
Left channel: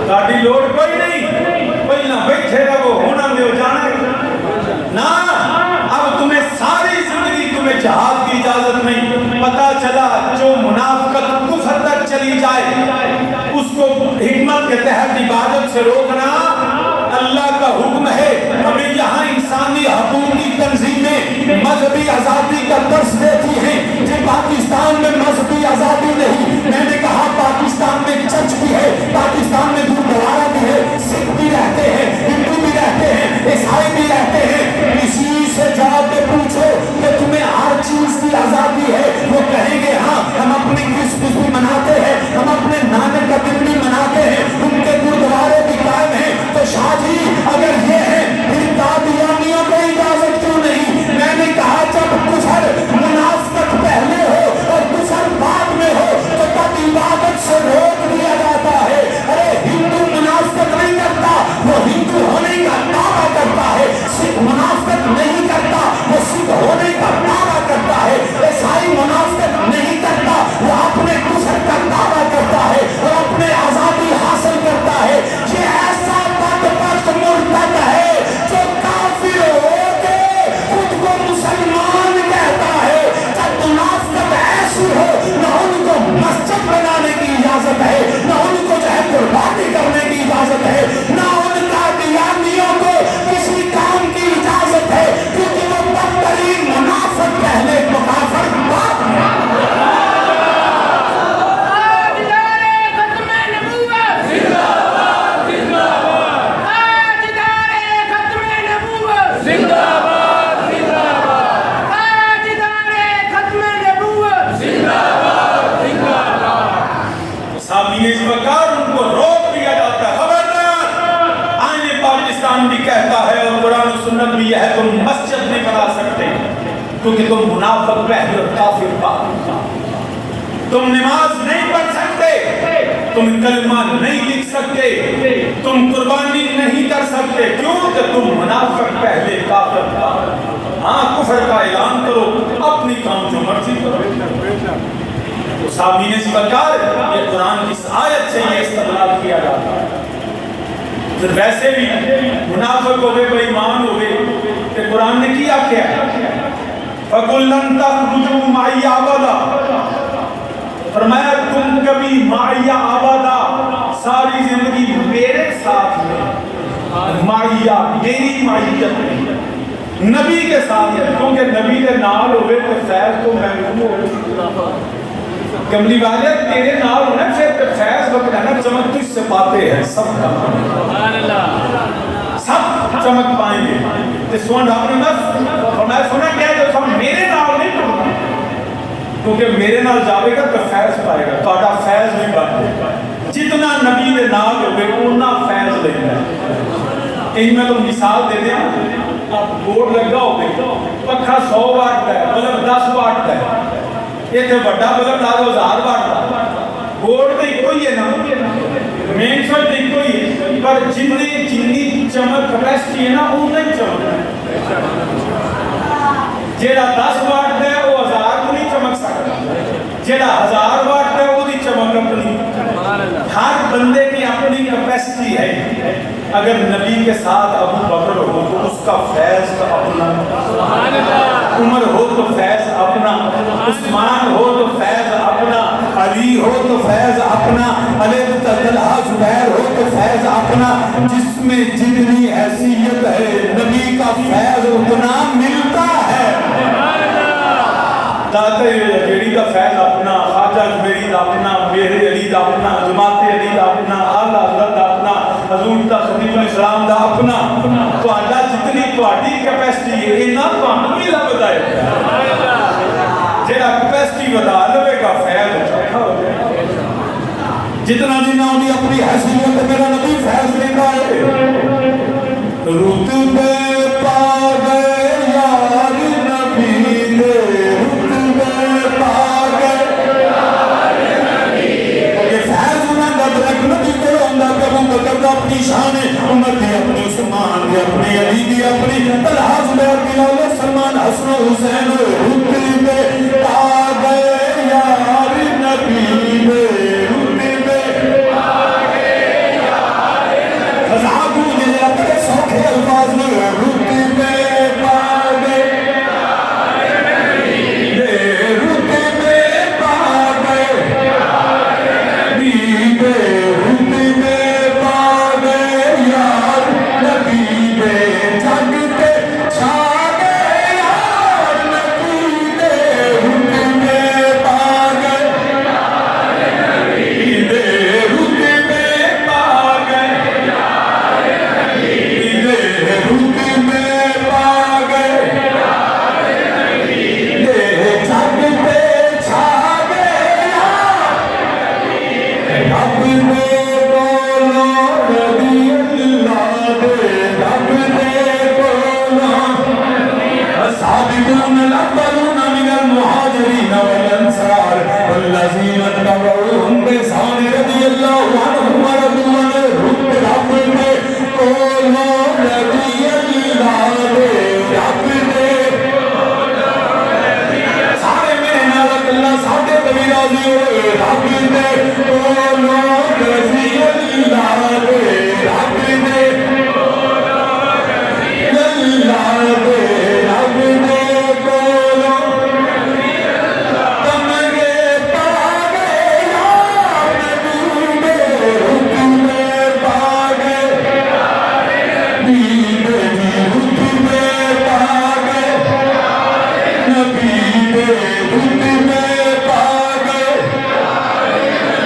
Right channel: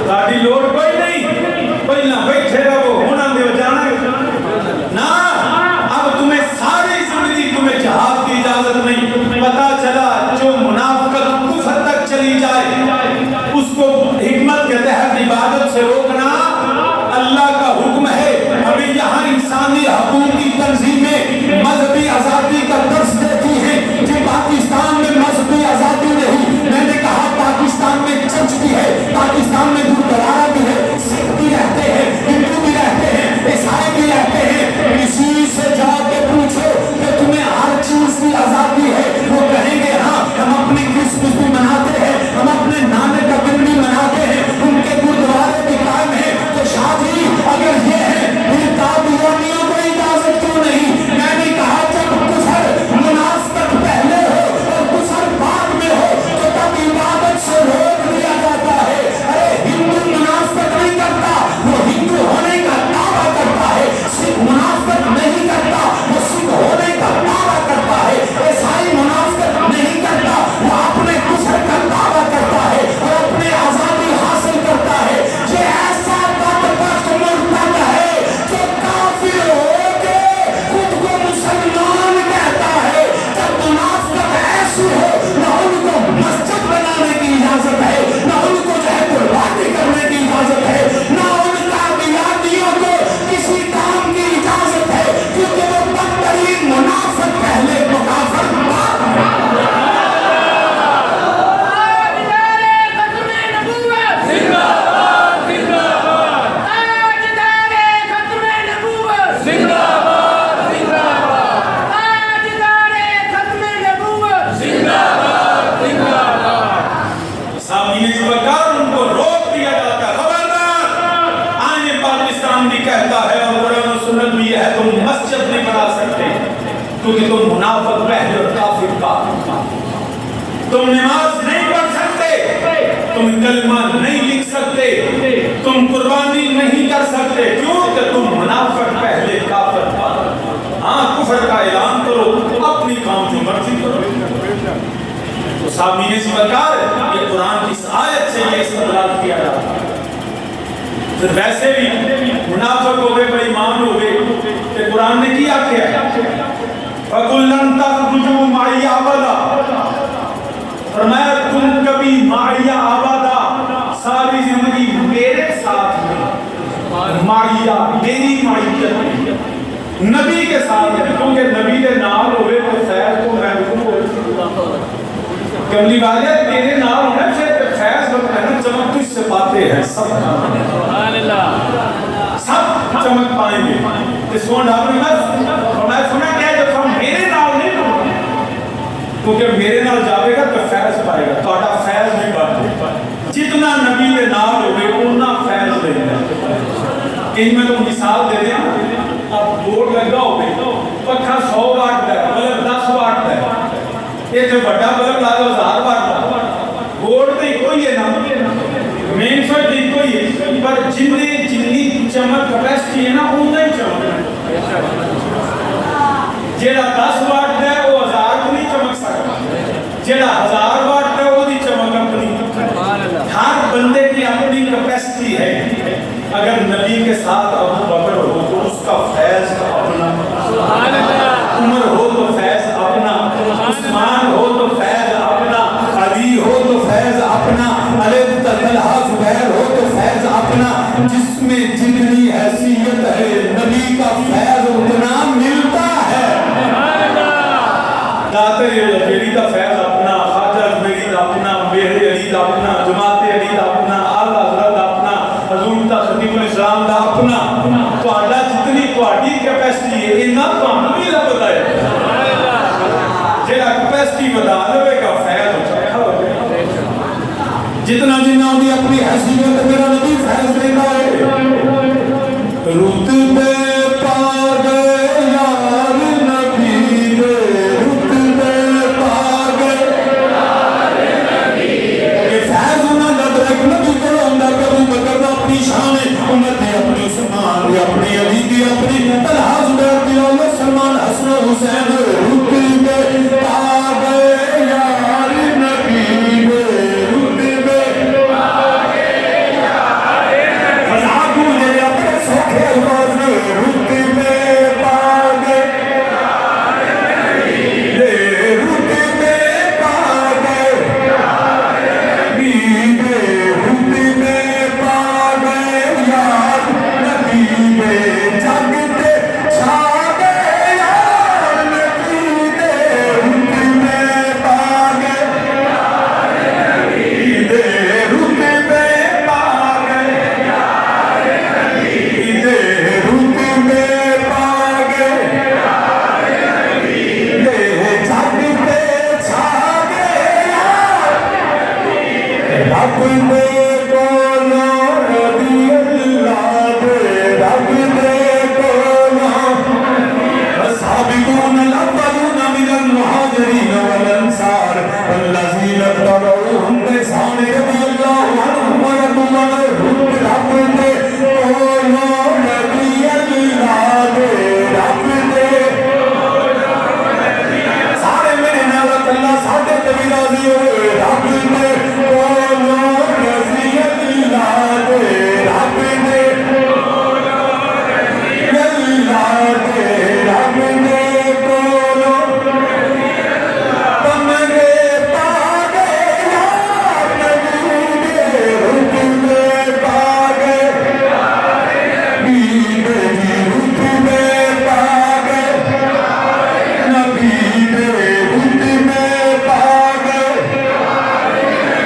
ساڑھی لوڑ کوئی نہیں، پہلا بیٹھے ربو ہونا میں جانا نا، اب تمہیں ساری زندگی تمہیں جہاد کی اجازت نہیں۔ پتہ چلا جو منافقت کفر تک چلی جائے اس کو حکمت کے تحت عبادت سے روکنا اللہ کا حکم ہے۔ ہمیں یہاں انسانی حقوق کی تنظیمیں مذہبی آزادی کا درس دیتی ہیں کہ پاکستان میں مذہبی آزادی نہیں، میں نے کہا پاکستان میں چرچ بھی ہے، پاکستان میں گردوارا بھی ہے، سکھ بھی رہتے ہیں، ہندو بھی رہتے ہیں، عیسائی بھی رہتے ہیں، کسی سے جا کے پوچھو کہ تمہیں ہر چیز کی آزادی ہے، وہ کہیں گے ہاں ہم اپنی کرسمس بھی مناتے ہیں، ہم اپنے نانک کا دن بھی مناتے ہیں، ان کے گردوارے بھی قائم ہیں۔ تو شاہ جی اگر یہ ہے پھر قادیانیوں کو اجازت کیوں نہیں؟ میں نے کہا جب کفر منافقت پہلے ہو اور کفر بعد میں ہو تو تب عبادت سے روک دیا جاتا ہے۔ ارے ہندو منافقت نہیں کرتا، وہ ہندو ہونے کا دعویٰ کرتا ہے، سکھ منافقت نہیں کرتا، وہ سکھ ہونے کا دعویٰ کرتا ہے، عیسائی منافقت نہیں کرتا، وہ اپنے کفر کا دعویٰ کرتا ہے اور اپنے آزادی حاصل کرتا ہے۔ یہ ایسا بدبخت مرتد ہے جو کافر ہو کے خود کو مسلمان کہتا ہے۔ جب منافقت ایسی ہو نہ ان کو مسجد بنانے کی اجازت ہے، نہ ان کو جو ہے قربانی کرنے کی اجازت ہے، نہ ان قادیانیوں کو کسی کام کی اجازت ہے، کیونکہ وہ بدترین منافق پہلے مکافر بعد میں۔ ان کو روک دیا جاتا ہے، خبردار آنے پاکستان بھی کہتا ہے اور قرآن و سنت بھی یہ ہے تم مسجد نہیں بنا سکتے کیونکہ تم منافق پہلے اور کافر بعد، تم نماز نہیں پڑھ سکتے، تم کلمہ نہیں لکھ سکتے، تم قربانی نہیں کر سکتے، کیوں کہ تم منافق پہلے کافر بعد۔ ہاں کفر کا اعلان کرو، اپنی کام جو مرضی کرو۔ تو سامعین سبکار یہ قرآن کی اس آیت سے یہ استدلال کیا جاتا ہے۔ پھر ویسے بھی منافق ہوئے بے ایمان ہوئے کہ قرآن نے کیا کیا ہے فَقُلْ لَن تَخْرُجُوا مَعِيَ أَبَدًا، فرمایا تم کبھی معیہ آبادہ ساری زندگی میرے ساتھ میں، معیہ میری معیت میں، نبی کے ساتھ میں، کیونکہ نبی کے نال ہوئے تو فیض تو محروم ہوئے، کملی والے تیرے نال ہونے سے فیض وقت ہے نا، چمک تجھ سے پاتے ہیں سب سب چمک پائیں گے۔ اس وقت آپ نے فرمایا سنا کیا ہے جب ہم میرے نال نہیں پڑھنا، کیونکہ میرے نال جاوے گا تو فیض پائے گا، تو فیض نہیں پاتے گا، جتنا نبی کے نال ہوئے اتنا فیض لے گا۔ کہیں میں تو مثال دے دیں، اب بورڈ لگا ہوگی پکھا 100 واٹ ہے، بلب 10 واٹ ہے، یہ تو بڑا بلب لا دو 1000 واٹ کا، بورڈ تو ایک ہی ہے نا، مین سوئچ تو ایک ہی ہے، پر جتنی چمک کیپیسٹی ہے نا اتنا ہی چمک ہے۔ جیڑا 10 واٹ ہے وہ 1000 کو نہیں چمک سکتا، جیڑا 1000 واٹ ہے وہ دی چمک اپنی ہر بندے کی اپنی کیپیسٹی ہے. اگر نبی کے ساتھ ابو بکر ہو تو اس کا فیض کا اپنا, عمر ہو تو فیض اپنا, عثمان ہو تو فیض اپنا, علی ہو تو فیض اپنا, طلحہ زبیر ہو تو فیض اپنا. جس میں جتنی حیثیت ہے نبی کا فیض اتنا ملتا ہے. داتا جیڑی کا فیض اپنا, خواجہ اجمیری دا اپنا, میرے علی دا اپنا, جماعت علی دا اپنا, اعلیٰ حضرت دا اپنا, حضور دا خطیب الاسلام دا اپنا. تو آجا جتنی تواڈی کیپیسٹی ہے اینا تانوں بھی لبدا ہے. جیڑا کیپیسٹی ودا لوے گا فیض چوکھا ہو جائے. جتنا جنہ ہوگی اپنی حیثیت میرا نبی فیض دیتا ہے. رتبے پا گئے یار نبی نے, رتبے پا گئے کہ فیض انہاں دا ڈائریکٹ نبی کولوں ہوندا کہ ابو بکر دا اپنی شان ہے, عمر دی اپنی, عثمان دی اپنی, علی دی اپنی, طلحہ زبیر دی اولاد, سلمان حسن و حسین. رتبے پا گئے یار نبی نے, رتبے پا گئے یار نبی. مذاق مجھے اپنے سوکھے الفاظ میں, رتبے پا گئے یار نبی نے, رتبے پا گئے نبی نے, رتبے پا گئے یار نبی نے. جگتے چھا گئے یار نبی نے, رتبے پا گئے یار نبی نے, رتبے پا گئے یار نبی نے, رتبے پا گئے یار نبی نے. جگتے چھا گئے یار رب دے بولو رضی اللہ دے, رب دے بولو. السابقون الاولون من المہاجرین والانصار والذین اتبعوہم بإحسان رضی اللہ عنہم ورضوا عنہ. رب دے بولو رضی اللہ دے, رب دے سارے میرے نال اللہ ساڈے تے بھی راضی ہوئے. رب دے بولو رضی اللہ دے, رب دے اللہ دے, رب دے بولو. کمرے پا گئے یار نبی نے, رتبے پا گئے نبی نے, رتبے پا گئے نبی نے, رتبے پا گئے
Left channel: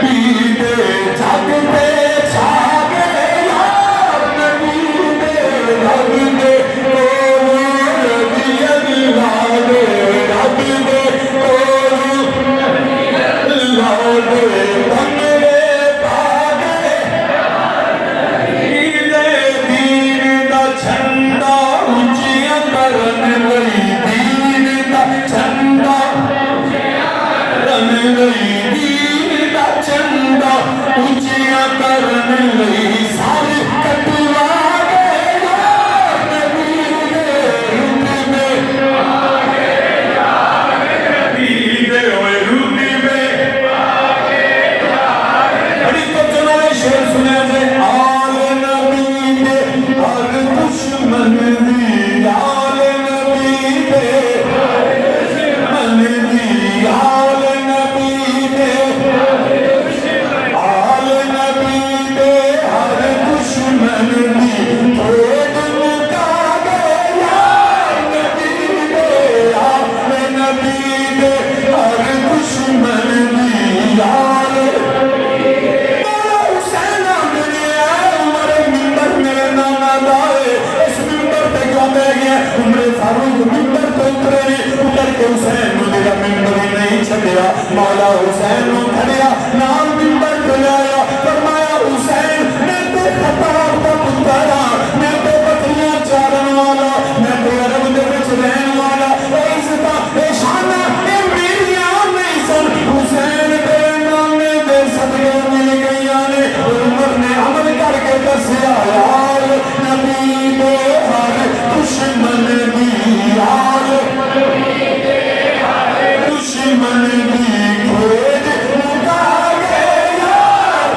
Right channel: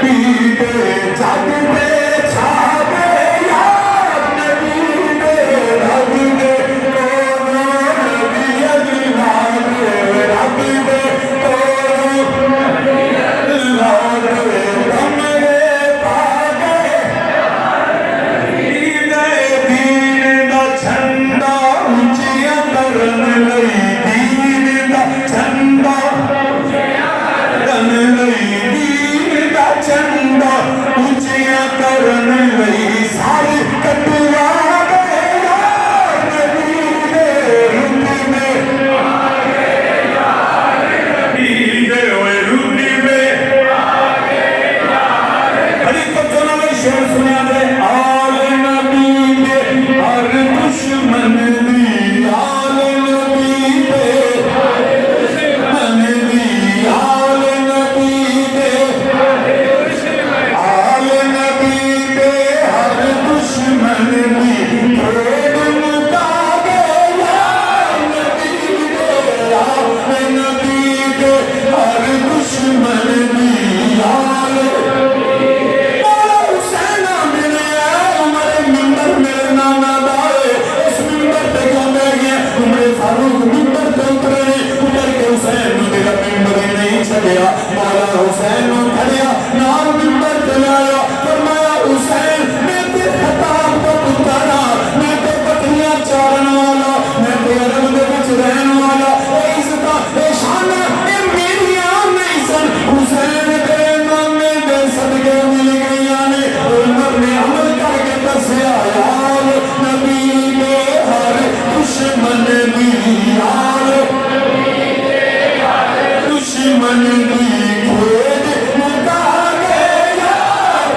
نبی نے. جگتے چھا گئے یار نبی نے, رب دے بولو رضی اللہ دے, رب دے بولو اللہ دے. کمرے پا گئے دین دا جھنڈا اونچیاں کرن لئی, دین دا جھنڈا کرن لئی, دین دا جھنڈا اونچیاں کرن لئی. سارے کٹوا گئے یار نبی نے, رتبے پا گئے یار نبی نے, اوے رتبے پا گئے یار نبی. بڑی توجہ نال شعر سنیا جے. آل نبی نے ہر دشمن دی, آل نبی نے ہر دشمن دی, آل نبی نے آل نبی نے ہر دشمن دی. پھیڑ مکا گئے یار نبی نے, آل نبی نے ہر دشمن دی. آل مولا حسین میرے عمر منبر میرے نانا دائے, اس منبر پہ کیوں بہ گیا. عمر فاروق منبر پہ اترے نے, اتر کے حسین نے میرا منبر ہی نہیں چھڑیا. مولا حسین نے کھڑیا نال منبر پہ آیا, فرمایا حسین میں تے خطاب دا پتر ہاں, میں تے بکریاں چارن والا, میں تے عرب دے وچ رہن والا. اے عزتاں اے شاناں اے میریاں نہیں سن, حسین دے نامے دے صدقے مل گئیاں نے. عمر نے عمل کر کے دسیا یار نبی دے ہر دشمن دی, یار دشمن دی. کھیل مکا گئے یار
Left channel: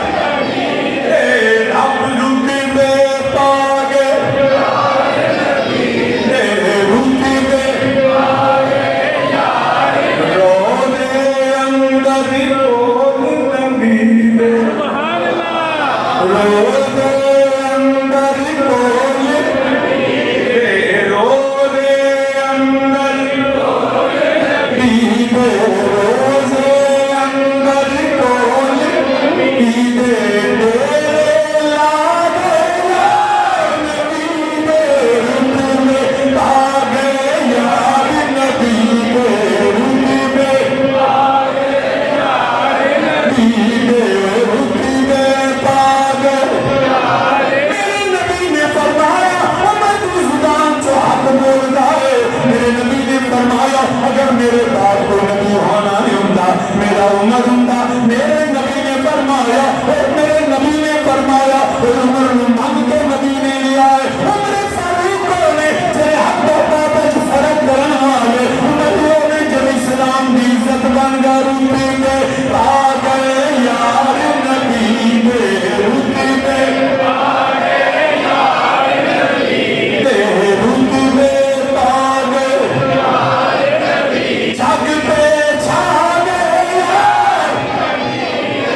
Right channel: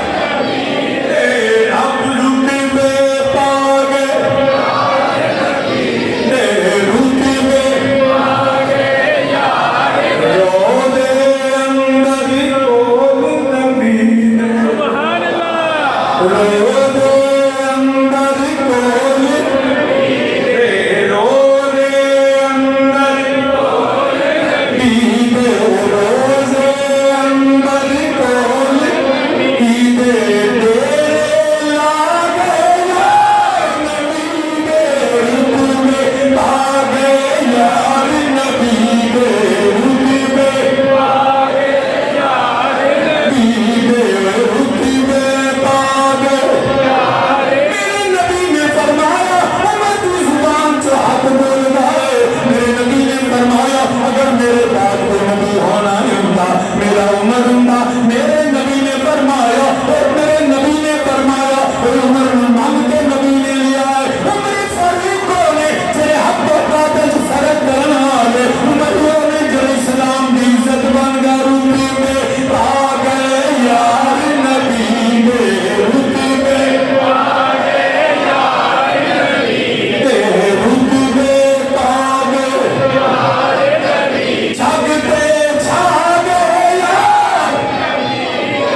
زندہ میرے نبی نے فرمایا میرے نبی نے فرمایا عمر مانگ کے نبی نے لیا ہے عمر فاروق نے تیرے حق و باطل فرق کرنے والے عمریوں نے جو اسلام کی عزت بن گیا روپی میں آ گئے یار نبی میں روپی میں آ گئے یار نبی میں روپی میں آ گئے یار نبی جگ پہ چھا گئے یار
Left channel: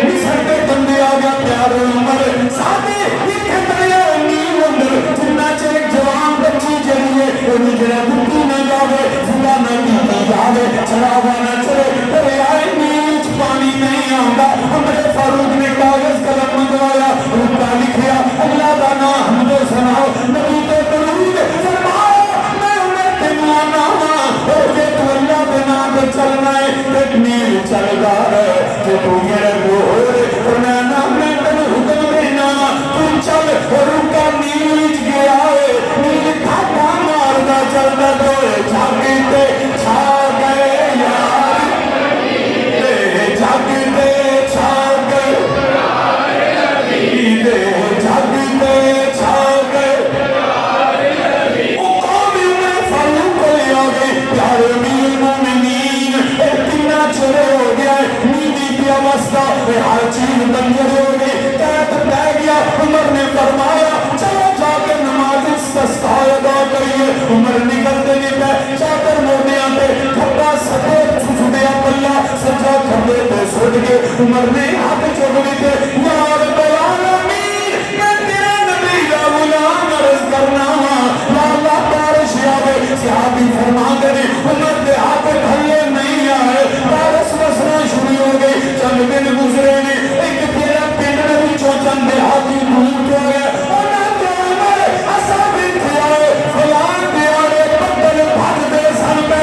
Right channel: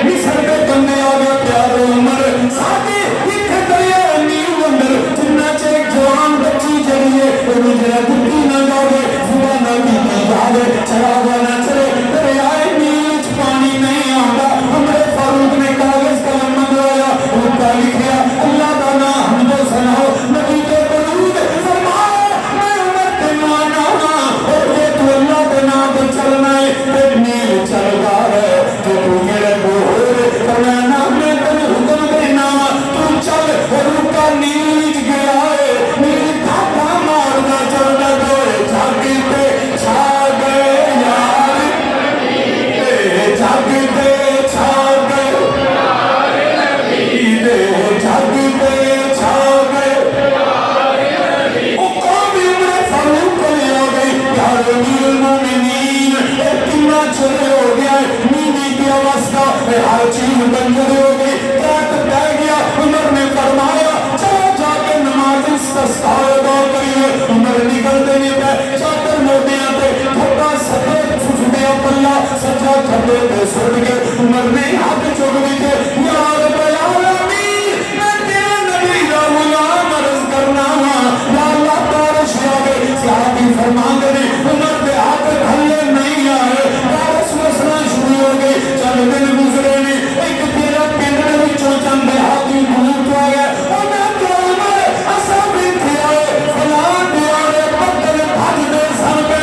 مصر پہ بندے آ گیا پیارے عمر ساتھی ایک دریا نیل اندر جنہ چے جوان بچی جڑیے مجرہ دکی نہ جاوے زبا نہ کی جاوے چراغا نہ چلے دریائے نیل پانی نہیں آنگا عمر فاروق نے کاغذ قلم منگوایا روپا لکھیا اللہ دا نام حمد و ثناء نبی تو درود فرماؤ میں عمر تنوانا اور یہ تو اللہ کے نام پہ چلنا ہے ایک نیل چل گا ہے کہ تو میرے گور فرمانا میں تن حکم دینا تو چل اور روکا نیل گیا ہے نیل تھاپا مارنا چل گئے جاگتے چھا گئے یار جاگتے چھا گئے جاگتے چھا گئے وہ قوم عمر فاروق کو لے آ گئی پیارے امیر المومنین کتنا چھوڑے ہو گیا نیندی کی اوستہ ہر چیز بنجر ہو گئی قید بہ گیا عمر نے فرمایا چلو جا کے نماز استسقا ادا کریے عمر نکلتے نہیں پہ چادر موڑیاں تے تھپا سجے سجدیا پلا سجا کھڑے تے سٹ گئے عمر نے ہاتھ چوکڑی تے یا رب العالمین میں تیرے نبی کا غلام عرض کرنا ہوں یا اللہ بارش آوے صحابی فرما دے عمر کے ہاتھ کھلے نہیں آئے بارش مسنا شروع ہو گئی چند دن گزرے نہیں ایک تیرا پنڈ میں بھی چوچن دیہاتی دور تو آ گیا انہیں تو عمر ایسا بھی تھے آئے فلان دیارے بدل بھاگ دے سن پہ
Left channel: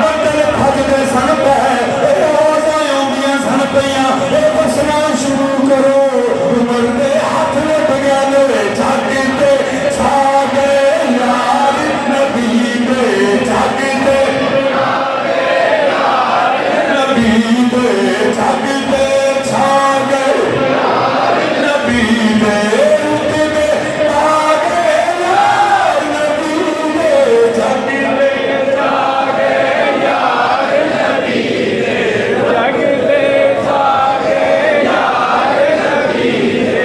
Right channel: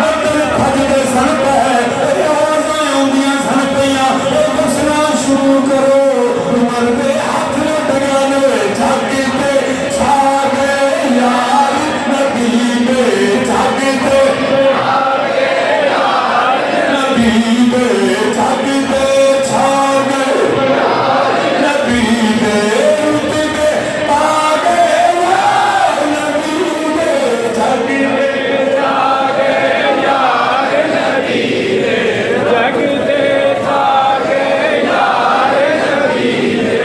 بدل بھاگ دے سن پہ اے آوازائیں ہوندیاں سن پہیاں اے بسنا شروع کرو عمر کے ہاتھ لٹ گیا لوے جاگے پہ چھا گئے یار نبی پہ جاگے پہ نبی پہ جاگتے چھا گئے نبی پہ روپے پہ آ گئے یار نبی پہ جاگتے چھا گئے یار نبی پہ جاگتے چھا گئے یار نبی پہ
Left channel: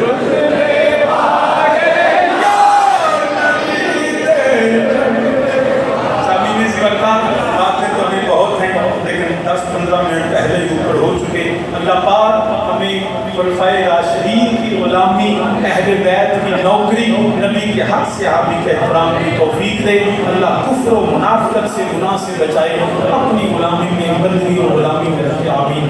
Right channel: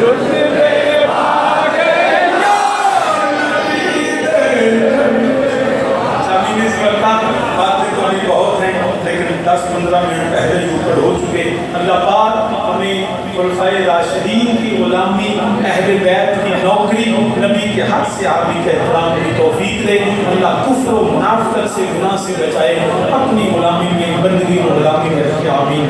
روپے پہ آ گئے یار نبی پہ سامعین اس وقت باتیں تو ابھی بہت ہیں لیکن 10-15 منٹ پہلے ہی اوپر ہو چکے اللہ پاک ہمیں خلفائے راشدین کی غلامی اہل بیت کی نوکری نبی کے حق صحابی کے احترام کی توفیق دے اللہ کفر و منافقت سے گناہ سے بچائے اپنی غلامی میں بندگی و غلامی میں رکھے آمین